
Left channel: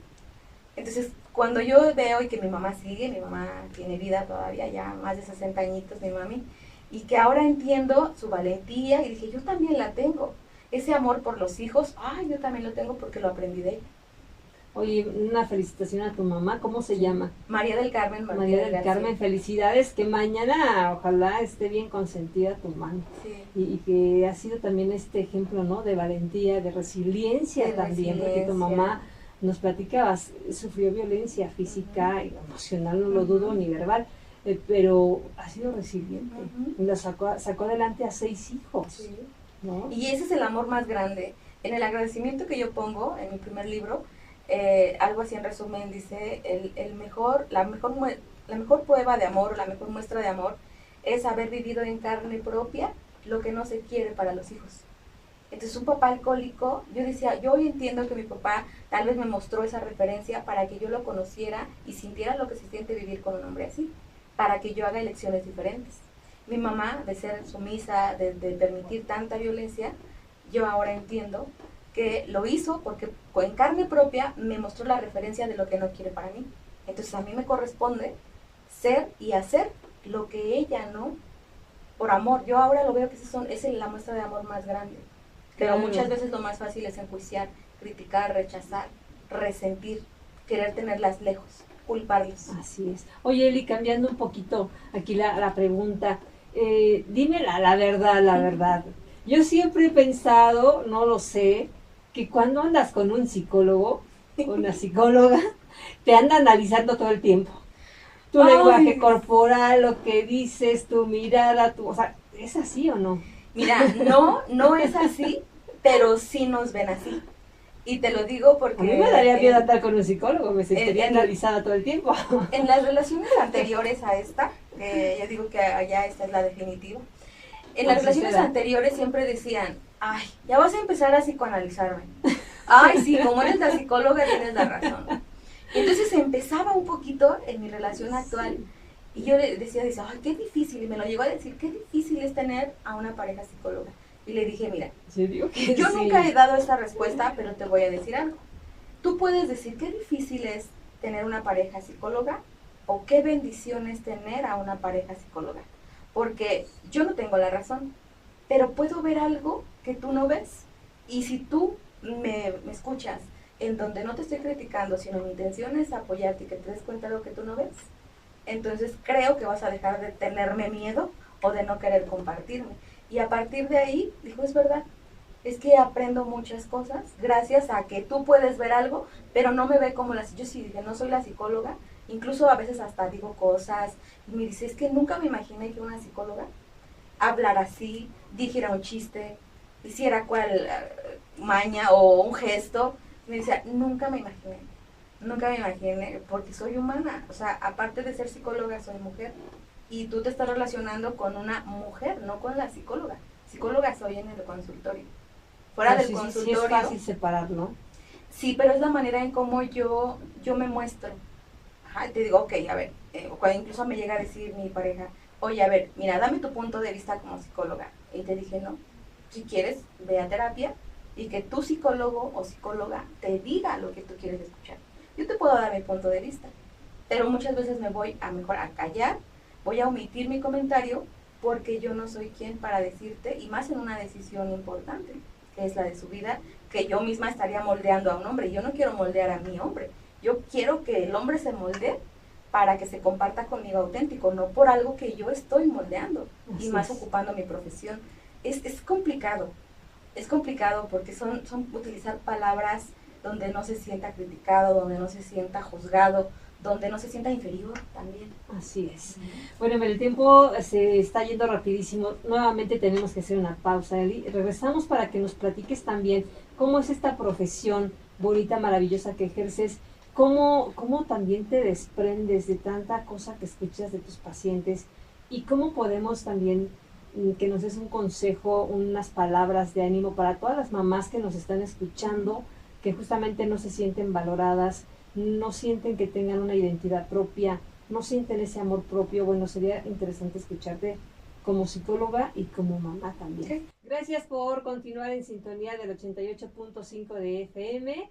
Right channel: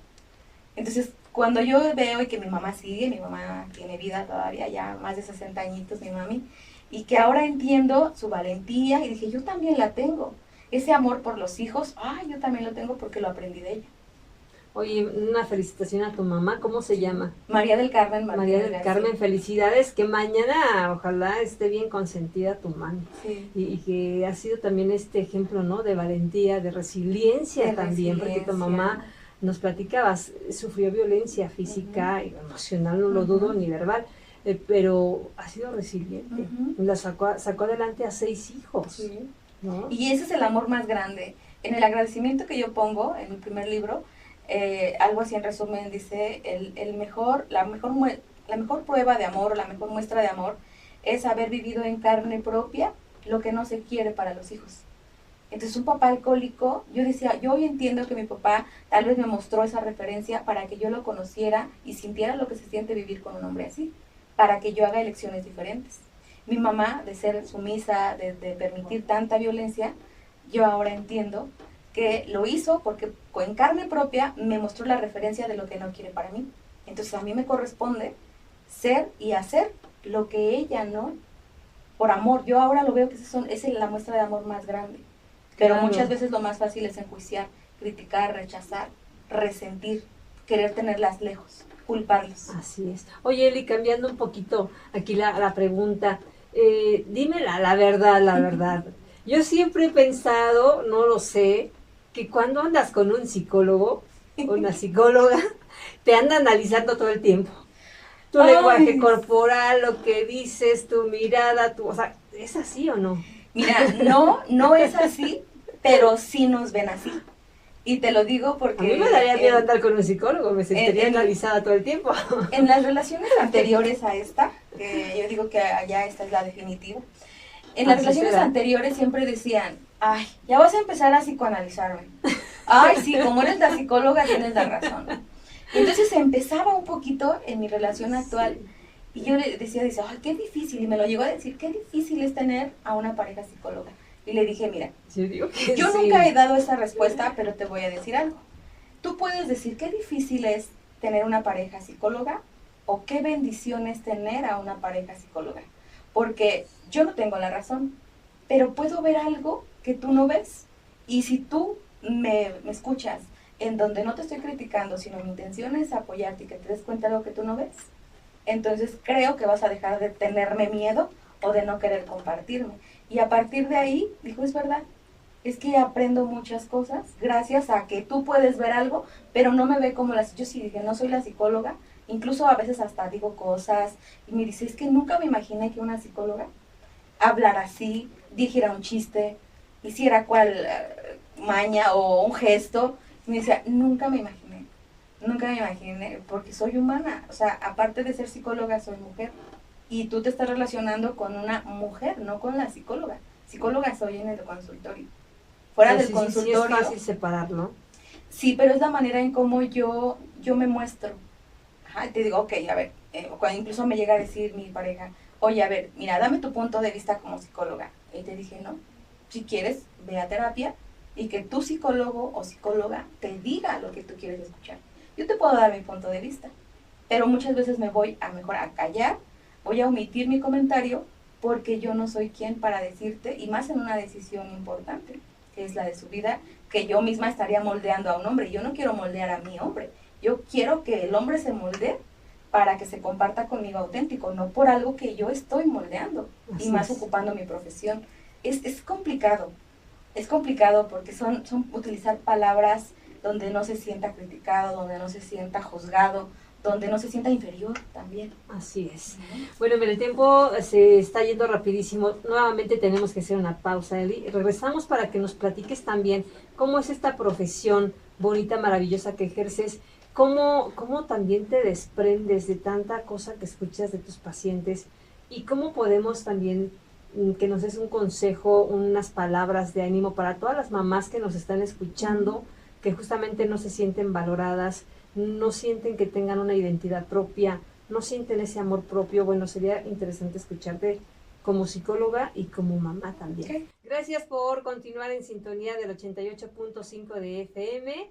Entonces, cuando yo veo y que mi mamá sigue, mi mamá tiene vida todavía, ya más de 60 añitos, mi mami, y que ahora entiendo su valentía, y dije, yo también la tengo. Ese amor por los hijos, yo también lo tengo porque lo aprendí de ella. Oye, una felicitación a tu mamá, ¿cómo se llama? María del Carmen. María del Carmen, felicidades, que mañana ojalá esté bien consentida tu mami. Sí. Y que ha sido también este ejemplo, ¿no? De valentía, de resiliencia también, porque tu mamá nos platicabas, sufrió violencia física, y emocional, no lo dudo, ni verbal, pero ha sido resiliente. La sacó adelante a 6 hijos. Sí. ¿No? Y ese es el amor más grande. En el agradecimiento que yo pongo en mi primer libro, algo así en resumen dice, la mejor prueba de amor, o la mejor muestra de amor, es haber vivido en carne propia lo que no se quiere para los hijos. Entonces un papá alcohólico, yo decía, yo hoy entiendo que mi papá tal vez me mostró esa referencia para que yo lo conociera y sintiera lo que se siente vivir con un hombre así, para que yo haga elecciones diferentes. Mi mamá, de ser sumisa, de permitir tanta violencia, yo ahora entiendo que lo hizo porque en carne propia me mostró la referencia de lo que no quiere para mí. Entonces a mí me corresponde ser y hacer lo que ella no, por amor. Yo ahora lo veo que es la muestra de amor más grande. Pero Claro. muchas veces lo más fácil es enjuiciar, criticar, rechazar, resentir, querer tenerlas lejos, culparlos. Así es. Oye, Eli, cambiando un poquito aquí la pregunta, dime la verdad, la verdad. Yo siempre he pensado, no lo sé, que cuando andas con un psicólogo o una psicóloga, te anda analizando todo el tiempo. Tu lenguaje corporal, lo que dices, tu mirada, o sea, ¿es así o no? Mira, no es así, pero sí nos ven así. Y te lo digo porque... A mí me daría miedo andar con un psicólogo, me sentiría analizada todo el tiempo. En las relaciones anteriores a esta, que yo digo que allá esta es la definitiva, en las relaciones anteriores siempre decían, ay, ya vas a empezar a psicoanalizarme. Ay, sí, como eres la psicóloga tienes la razón. Entonces empezaba un poquito en mi relación actual y yo le decía, ay, qué difícil, y me lo llegó a decir, qué difícil es tener a una pareja psicóloga. Y le dije, mira, yo nunca he dado esa respuesta, pero te voy a decir algo. Tú puedes decir qué difícil es tener una pareja psicóloga o qué bendición es tener a una pareja psicóloga. Porque yo no tengo la razón, pero puedo ver algo que tú no ves. Y si tú me escuchas en donde no te estoy criticando, sino mi intención es apoyarte y que te des cuenta de lo que tú no ves, entonces creo que vas a dejar de tenerme miedo o de no querer compartirme. Y a partir de ahí, dijo, es verdad, es que aprendo muchas cosas gracias a que tú puedes ver algo, pero no me ve como yo sí dije, no soy la psicóloga, incluso a veces hasta digo cosas, y me dice, es que nunca me imaginé que una psicóloga hablara así, dijera un chiste, hiciera cual maña o un gesto. Me decía, nunca me imaginé, porque soy humana, o sea, aparte de ser psicóloga, soy mujer, y tú te estás relacionando con una mujer, no con la psicóloga. Psicóloga soy en el consultorio. Fuera del consultorio. Sí es fácil separarlo. Sí, pero es la manera en cómo yo me muestro. Ajá, te digo, ok, a ver, cuando incluso me llega a decir mi pareja, oye, a ver, mira, dame tu punto de vista como psicóloga. Y te dije, no, si quieres, ve a terapia y que tu psicólogo o psicóloga te diga lo que tú quieres escuchar. Yo te puedo dar mi punto de vista, pero muchas veces me voy a mejor a callar, voy a omitir mi comentario porque yo no soy quien para decirte, y más en una decisión importante, que es la de su vida, que yo misma estaría moldeando a un hombre. Yo no quiero moldear a mi hombre, yo quiero que el hombre se moldee para que se comparta conmigo auténtico, no por algo que yo estoy moldeando. Así y más ocupando mi profesión. Es complicado porque son utilizar palabras donde no se sienta criticado, donde no se sienta juzgado, donde no se sienta inferior también. Así es. Bueno, el tiempo se está yendo rapidísimo. Nuevamente tenemos que hacer una pausa, Eli. Regresamos para que nos platiques también cómo es esta profesión bonita, maravillosa que ejerces, cómo también te desprendes de tanta cosa que escuchas de tus pacientes y cómo podemos también que nos des un consejo, unas palabras de ánimo para todas las mamás que nos están escuchando, que justamente no se sienten valoradas, no sienten que tengan una identidad propia, no sienten ese amor propio. Bueno, sería interesante escucharte como psicóloga y como mamá también. Okay. Gracias por continuar en sintonía del 88.5 de FM.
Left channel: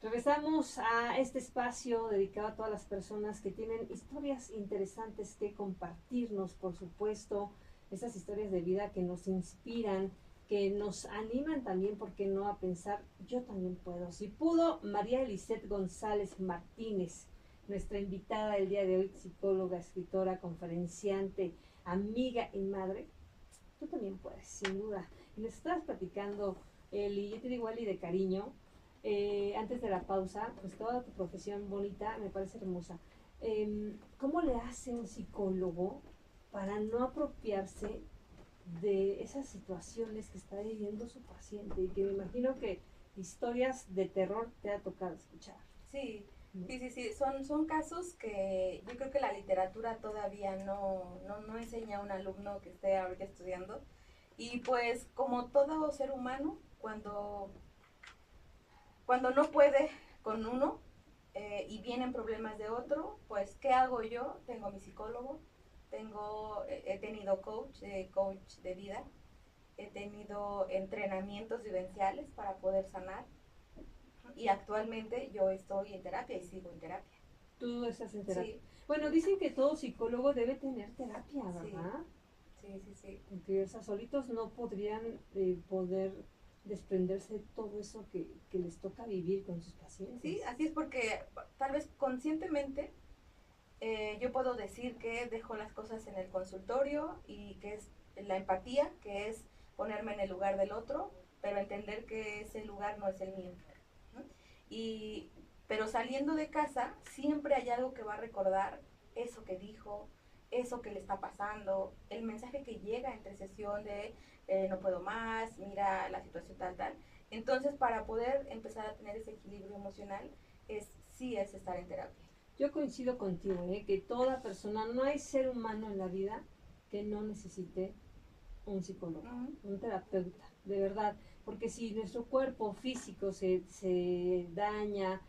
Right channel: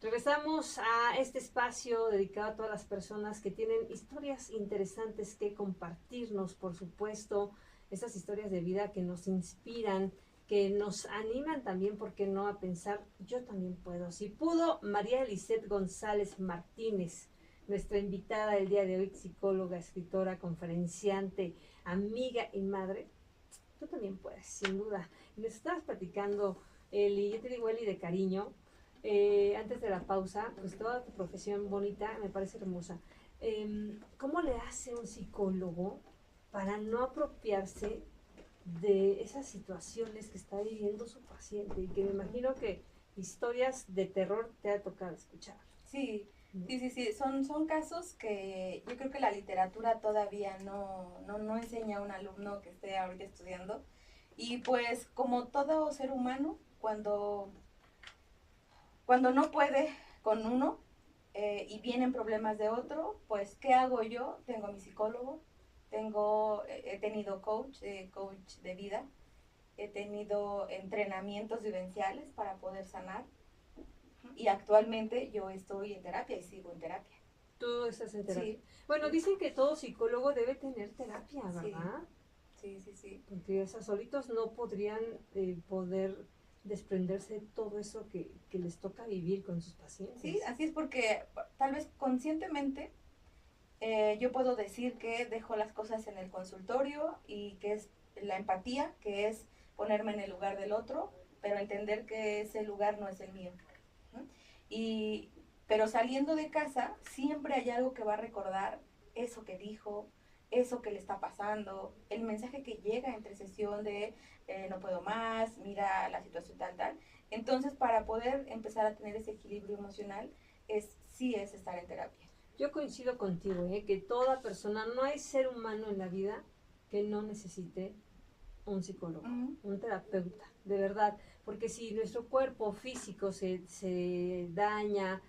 Regresamos a este espacio dedicado a todas las personas que tienen historias interesantes que compartirnos, por supuesto, esas historias de vida que nos inspiran, que nos animan también, ¿por qué no?, a pensar, yo también puedo. Si pudo María Eliseth González Martínez, nuestra invitada el día de hoy, psicóloga, escritora, conferenciante, amiga y madre, tú también puedes, sin duda. Y nos estabas platicando, Eli, yo te digo Eli de cariño, antes de la pausa, pues toda tu profesión bonita me parece hermosa. ¿Cómo le hace un psicólogo para no apropiarse de esas situaciones que está viviendo su paciente? Y que me imagino que historias de terror te ha tocado escuchar. Sí, ¿No? sí. Son casos que yo creo que la literatura todavía no enseña a un alumno que esté ahorita estudiando. Y pues como todo ser humano, cuando no puede con uno y vienen problemas de otro, pues ¿qué hago yo? Tengo a mi psicólogo, he tenido coach de vida, he tenido entrenamientos vivenciales para poder sanar y actualmente yo estoy en terapia y sigo en terapia. Tú estás en terapia. Sí, Bueno, sí, dicen que todo psicólogo debe tener terapia, sí, ¿verdad? sí. Porque esas solitos no podrían poder desprenderse de todo eso que les toca vivir con sus Sí, pacientes. así es porque tal vez conscientemente yo puedo decir que dejo las cosas en el consultorio y que es la empatía, que es ponerme en el lugar del otro, pero entender que ese lugar no es el mío, ¿no? Y, pero saliendo de casa, siempre hay algo que va a recordar eso que dijo, eso que le está pasando, el mensaje que llega entre sesión de no puedo más, mira la situación tal. Entonces, para poder empezar a tener ese equilibrio emocional, sí es estar en terapia. Yo coincido contigo, que toda persona, no hay ser humano en la vida que no necesite un psicólogo, Mm. un terapeuta, de verdad, porque si nuestro cuerpo físico se daña,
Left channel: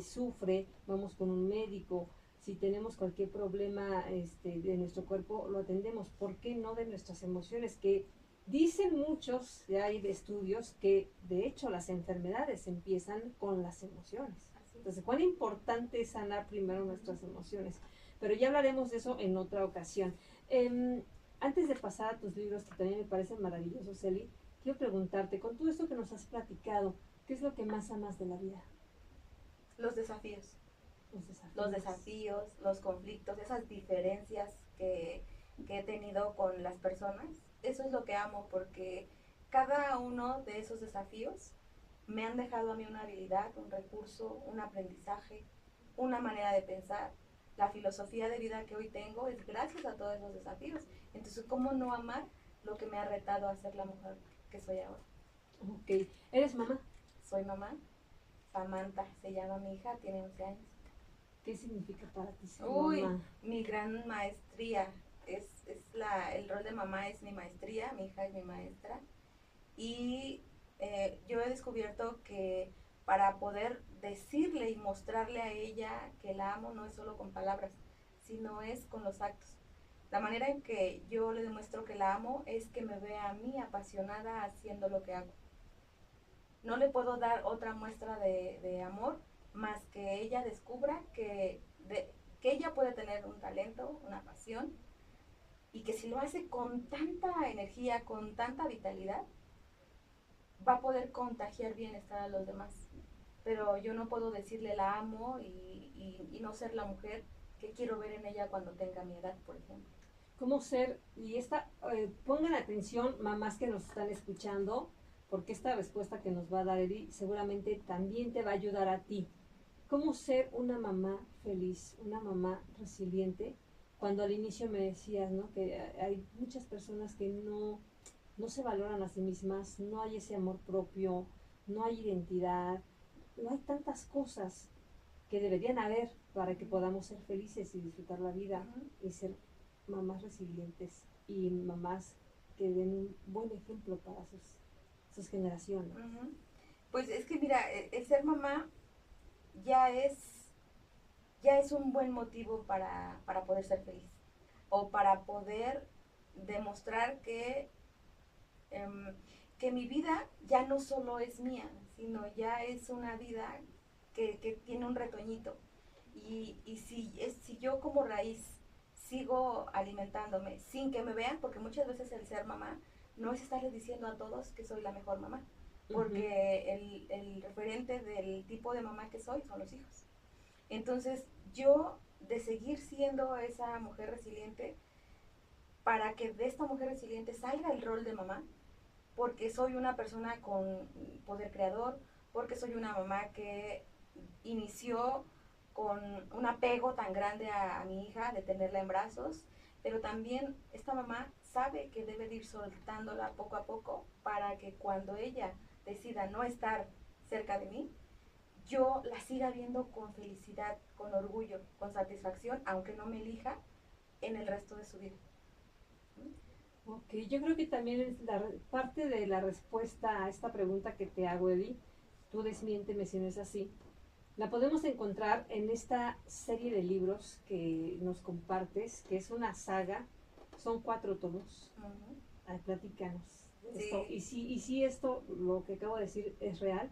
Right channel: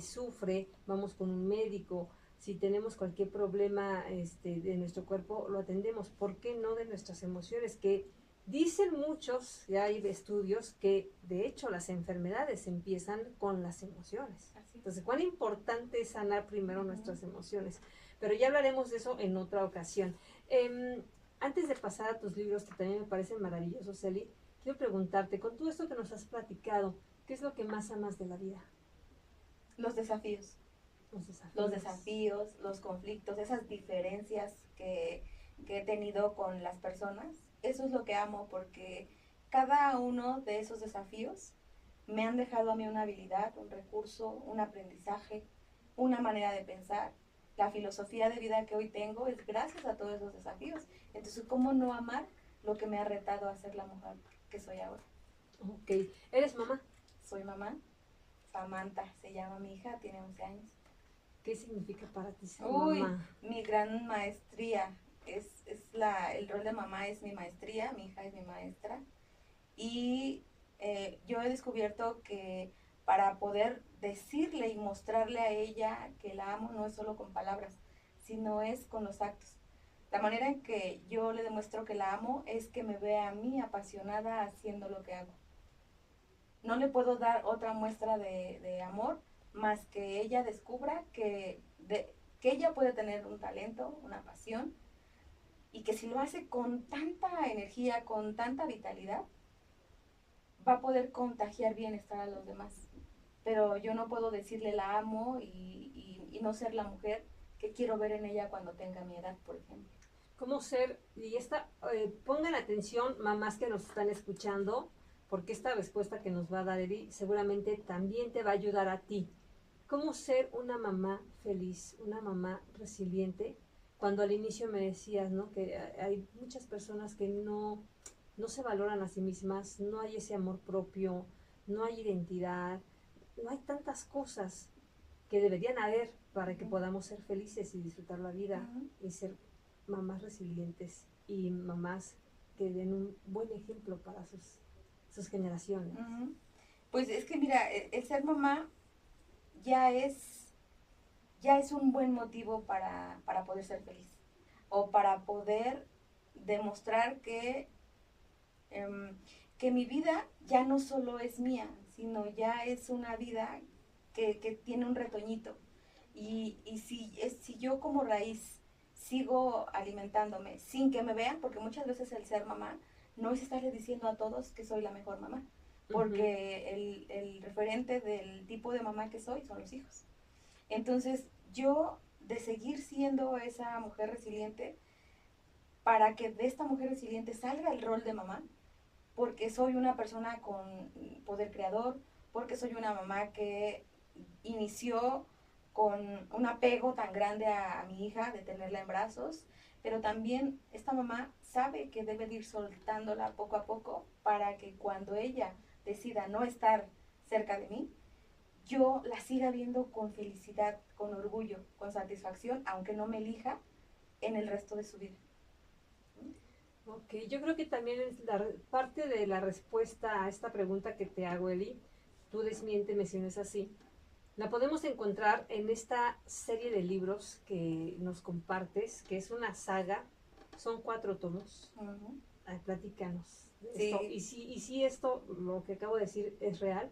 sufre, vamos con un médico, si tenemos cualquier problema de nuestro cuerpo, lo atendemos. ¿Por qué no de nuestras emociones? Que dicen muchos, ya hay estudios, que de hecho las enfermedades empiezan con las emociones. Así. Entonces, cuán importante es sanar primero nuestras emociones. Pero ya hablaremos de eso en otra ocasión. Antes de pasar a tus libros, que también me parecen maravillosos, Celi, quiero preguntarte, con todo esto que nos has platicado, ¿qué es lo que más amas de la vida? Los desafíos. Los desafíos. Los desafíos, los conflictos, esas diferencias que he tenido con las personas. Eso es lo que amo porque cada uno de esos desafíos me han dejado a mí una habilidad, un recurso, un aprendizaje, una manera de pensar. La filosofía de vida que hoy tengo es gracias a todos esos desafíos. Entonces, ¿cómo no amar lo que me ha retado a ser la mujer que soy ahora? Ok. ¿Eres mamá? Soy mamá. Samantha se llama mi hija, tiene 11 años. ¿Qué significa para ti ser Uy, mamá? mi gran maestría. El rol de mamá es mi maestría, mi hija es mi maestra. Y yo he descubierto que para poder decirle y mostrarle a ella que la amo no es solo con palabras, sino es con los actos. La manera en que yo le demuestro que la amo es que me vea a mí apasionada haciendo lo que hago. No le puedo dar otra muestra de amor más que ella descubra que ella puede tener un talento, una pasión, y que si lo hace con tanta energía, con tanta vitalidad, va a poder contagiar bienestar a los demás. Pero yo no puedo decirle la amo y no ser la mujer que quiero ver en ella cuando tenga mi edad, por ejemplo. ¿Cómo ser? Y pongan atención, mamás que nos están escuchando, porque esta respuesta que nos va a dar Eri seguramente también te va a ayudar a ti. ¿Cómo ser una mamá feliz, una mamá resiliente? Cuando al inicio me decías, ¿no? Que hay muchas personas que no se valoran a sí mismas, no hay ese amor propio, no hay identidad, no hay tantas cosas que deberían haber para que podamos ser felices y disfrutar la vida y ser mamás resilientes y mamás que den un buen ejemplo para sus generaciones. Pues es que mira, el ser mamá ya es, ya es un buen motivo para poder ser feliz o para poder demostrar que mi vida ya no solo es mía, sino ya es una vida que tiene un retoñito. Y si yo como raíz sigo alimentándome sin que me vean, porque muchas veces el ser mamá no es estarle diciendo a todos que soy la mejor mamá, porque el referente del tipo de mamá que soy son los hijos. Entonces yo de seguir siendo esa mujer resiliente, para que de esta mujer resiliente salga el rol de mamá, porque soy una persona con poder creador, porque soy una mamá que inició con un apego tan grande a mi hija, de tenerla en brazos, pero también esta mamá sabe que debe de ir soltándola poco a poco para que cuando ella decida no estar cerca de mí, yo la siga viendo con felicidad, con orgullo, con satisfacción, aunque no me elija en el resto de su vida. Ok, yo creo que también es parte de la respuesta a esta pregunta que te hago, Eli, tú desmiénteme si no es así, la podemos encontrar en esta serie de libros que nos compartes, que es una saga, son 4 tomos. Platícanos de Sí. esto. Y si esto, lo que acabo de decir, es real,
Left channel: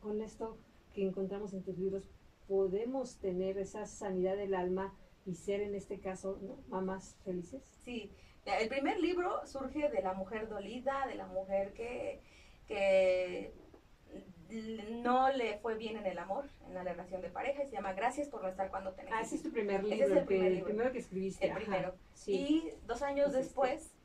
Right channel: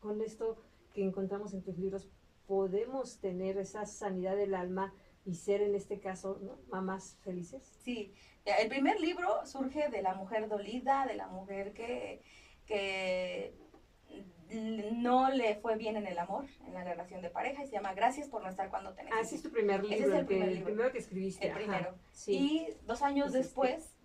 con esto que encontramos en tus libros, podemos tener esa sanidad del alma y ser en este caso, ¿no?, mamás felices. Sí, el primer libro surge de la mujer dolida, de la mujer que no le fue bien en el amor, en la relación de pareja, y se llama Gracias por no estar cuando te necesito. Ese es tu primer libro, ese es el primer libro. primero que escribiste. El primero. Sí. Y 2 años después,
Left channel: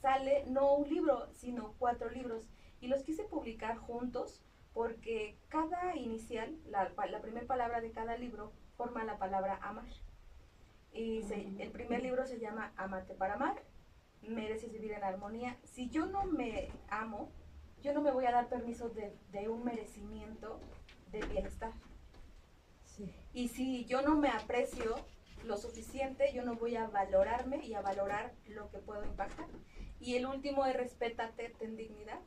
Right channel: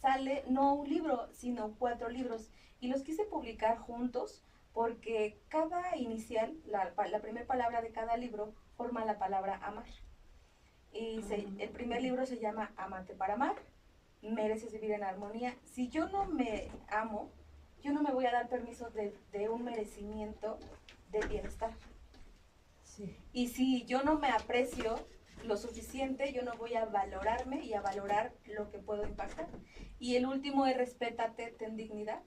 sale no un libro, sino 4 libros. Y los quise publicar juntos porque cada inicial, la primera palabra de cada libro, forma la palabra amar. Y el primer libro se llama Amarte para amar, mereces vivir en armonía. Si yo no me amo, yo no me voy a dar permiso de un merecimiento de bienestar. Sí. Y si yo no me aprecio lo suficiente, yo no voy a valorarme y a valorar lo que puedo impactar. Y el último es respétate, ten dignidad,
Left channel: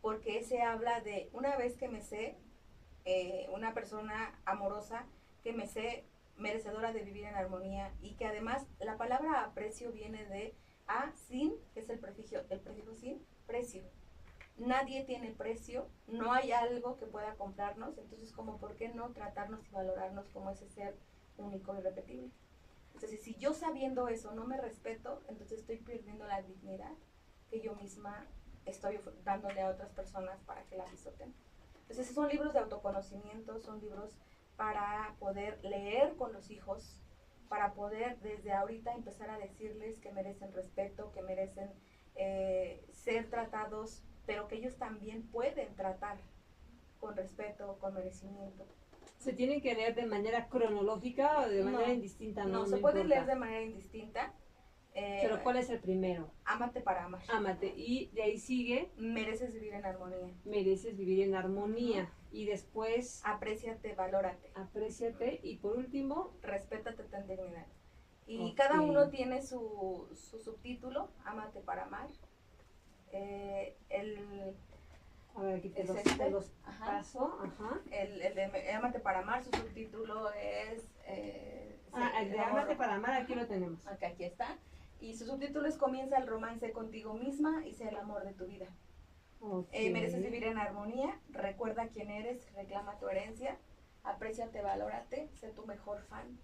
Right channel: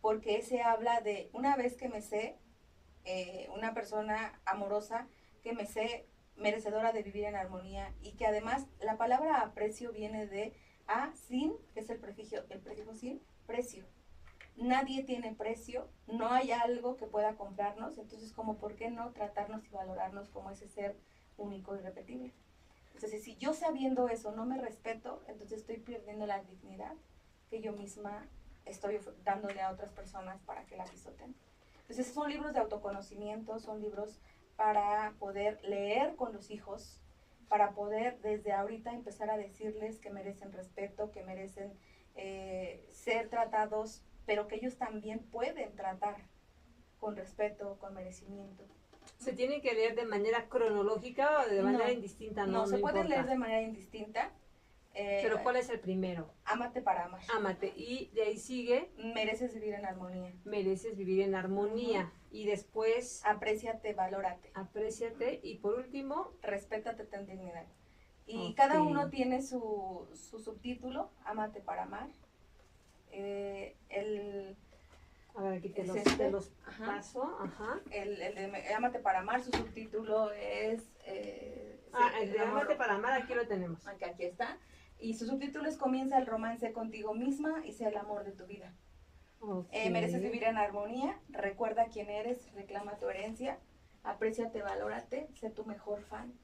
porque ese habla de una vez que me sé, una persona amorosa, que me sé merecedora de vivir en armonía, y que además la palabra aprecio viene de sin, que es el prefijo sin, precio. Nadie tiene precio, no hay algo que pueda comprarnos, entonces como por qué no tratarnos y valorarnos como ese ser único y irrepetible. Entonces si yo sabiendo eso no me respeto, entonces estoy perdiendo la dignidad que yo misma estoy dándole a otras personas para que la pisoten. Entonces son libros de autoconocimiento, son libros para poder leer con los hijos, para poder desde ahorita empezar a decirles que merecen respeto, que merecen ser tratados, pero que ellos también pueden tratar con respeto, con merecimiento. ¿Se tienen que leer de manera cronológica o de manera indistinta? No, se pueden leer de manera indistinta. ¿Pero cuál es el primero? Ámate para amar. Ámate. Y de ahí sigue. Mereces vivir en armonía. Mereces vivir en armonía. Y después. Apréciate, valórate. Apréciate. Y por último. Respétate, ten dignidad. Y cada uno tiene su subtítulo, Ámate para amar. A ver, aquí te los paso. Ajá. El de Ámate para amar, su subtítulo es... el de Ámate para amar, aquí lo tenemos. Aquí está. Y su subtítulo es Comienza el romance contigo misma y sea el amor de tu vida. Okay. Mereces vivir en armonía, recuerda quién eres, reclama tu herencia, apréciate, valórate, sé tu mejor fan,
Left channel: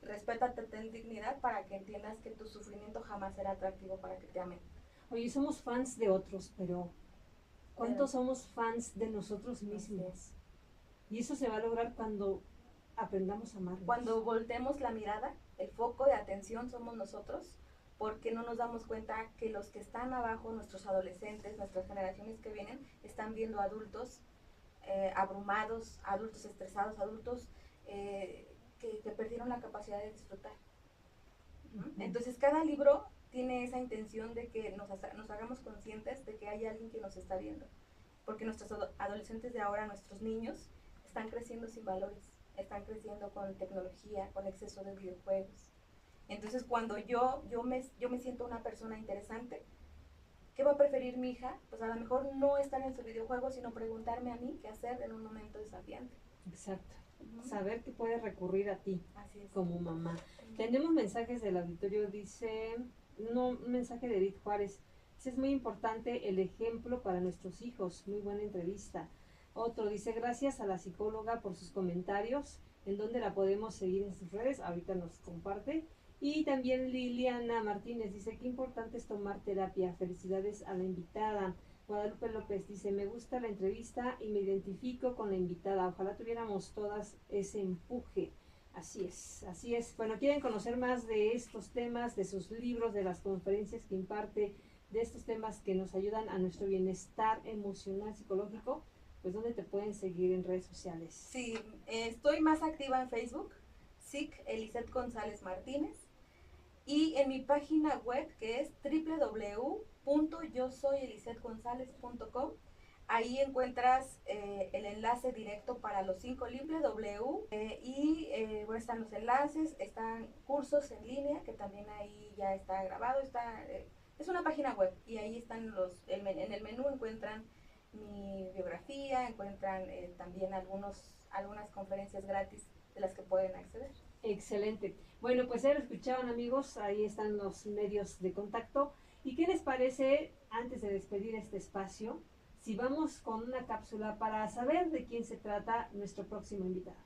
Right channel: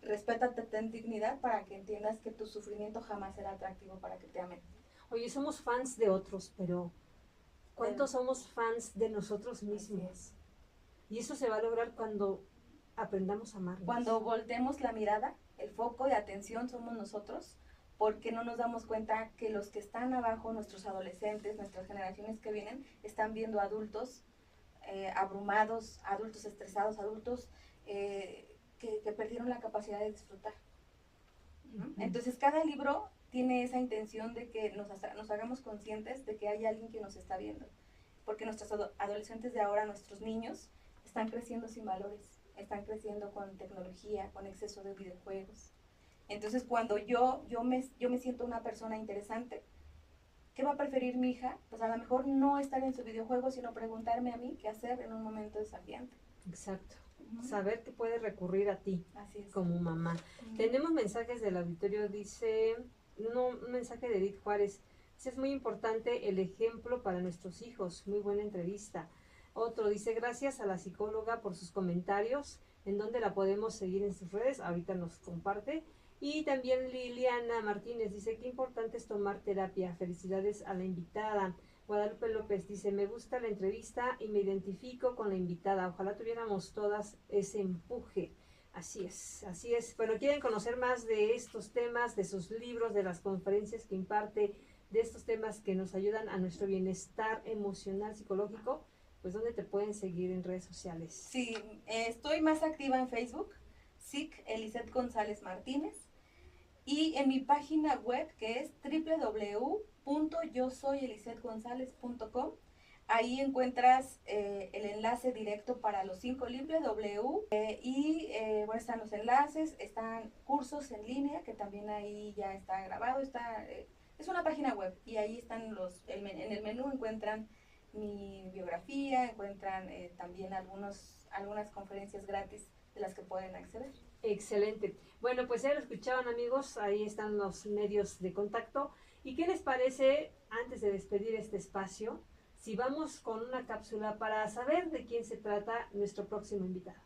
respétate, ten dignidad para que entiendas que tu sufrimiento jamás será atractivo para que te amen. Oye, somos fans de otros, pero ¿cuántos somos fans de nosotros mismos? Y eso se va a lograr cuando aprendamos a amarnos. Cuando voltemos la mirada, el foco de atención somos nosotros, porque no nos damos cuenta que los que están abajo, nuestros adolescentes, nuestras generaciones que vienen, están viendo adultos abrumados, adultos estresados, adultos que perdieron la capacidad de disfrutar. Entonces cada libro tiene esa intención de que nos hagamos conscientes de que hay alguien que nos está viendo, porque nuestros adolescentes de ahora, nuestros niños, están creciendo sin valores, están creciendo con tecnología, con exceso de videojuegos. Entonces cuando yo me siento una persona interesante, ¿qué va a preferir mi hija? Pues a lo mejor no estar en su videojuego, sino preguntarme a mí qué hacer en un momento desafiante. Exacto. Saber que puede recurrir a ti. Así es. Como mamá. Tenemos mensajes del auditorio, dice, un mensaje de Edith Juárez. Es muy importante el ejemplo para nuestros hijos. Muy buena entrevista. Otro dice, gracias a la psicóloga por sus comentarios. ¿En dónde la podemos seguir en sus redes? Ahorita nos comparte. Y también Liliana Martínez dice, qué importante es tomar terapia. Felicidades a la invitada. Guadalupe López dice, me gusta la entrevista y me identifico con la invitada. Ojalá tuviéramos todas ese empuje. Así es, así es. Bueno, ¿quieren conocer más de estos temas, de sus libros, de las conferencias que imparte, de estos temas que nos ayudan a nuestro bienestar emocional, psicológico? pues ¿dónde te pueden seguir en redes sociales? Sí, estoy más activa en Facebook, SIC Eliseth González Martínez, y en mi página web que es www.yosoyelisethgonzalez.com. Ahí encuentras el enlace directo para los 5 libros bueno, están los enlaces, están cursos en línea, que también ahí ya está grabado, es una página web y ahí están en el menú encuentran mi biografía, encuentran también algunas conferencias gratis de las que pueden acceder. Excelente. Bueno, pues ya lo escuchaban, amigos, ahí están los medios de contacto. ¿Y qué les parece, antes de despedir este espacio, si vamos con una cápsula para saber de quién se trata nuestro próximo invitado?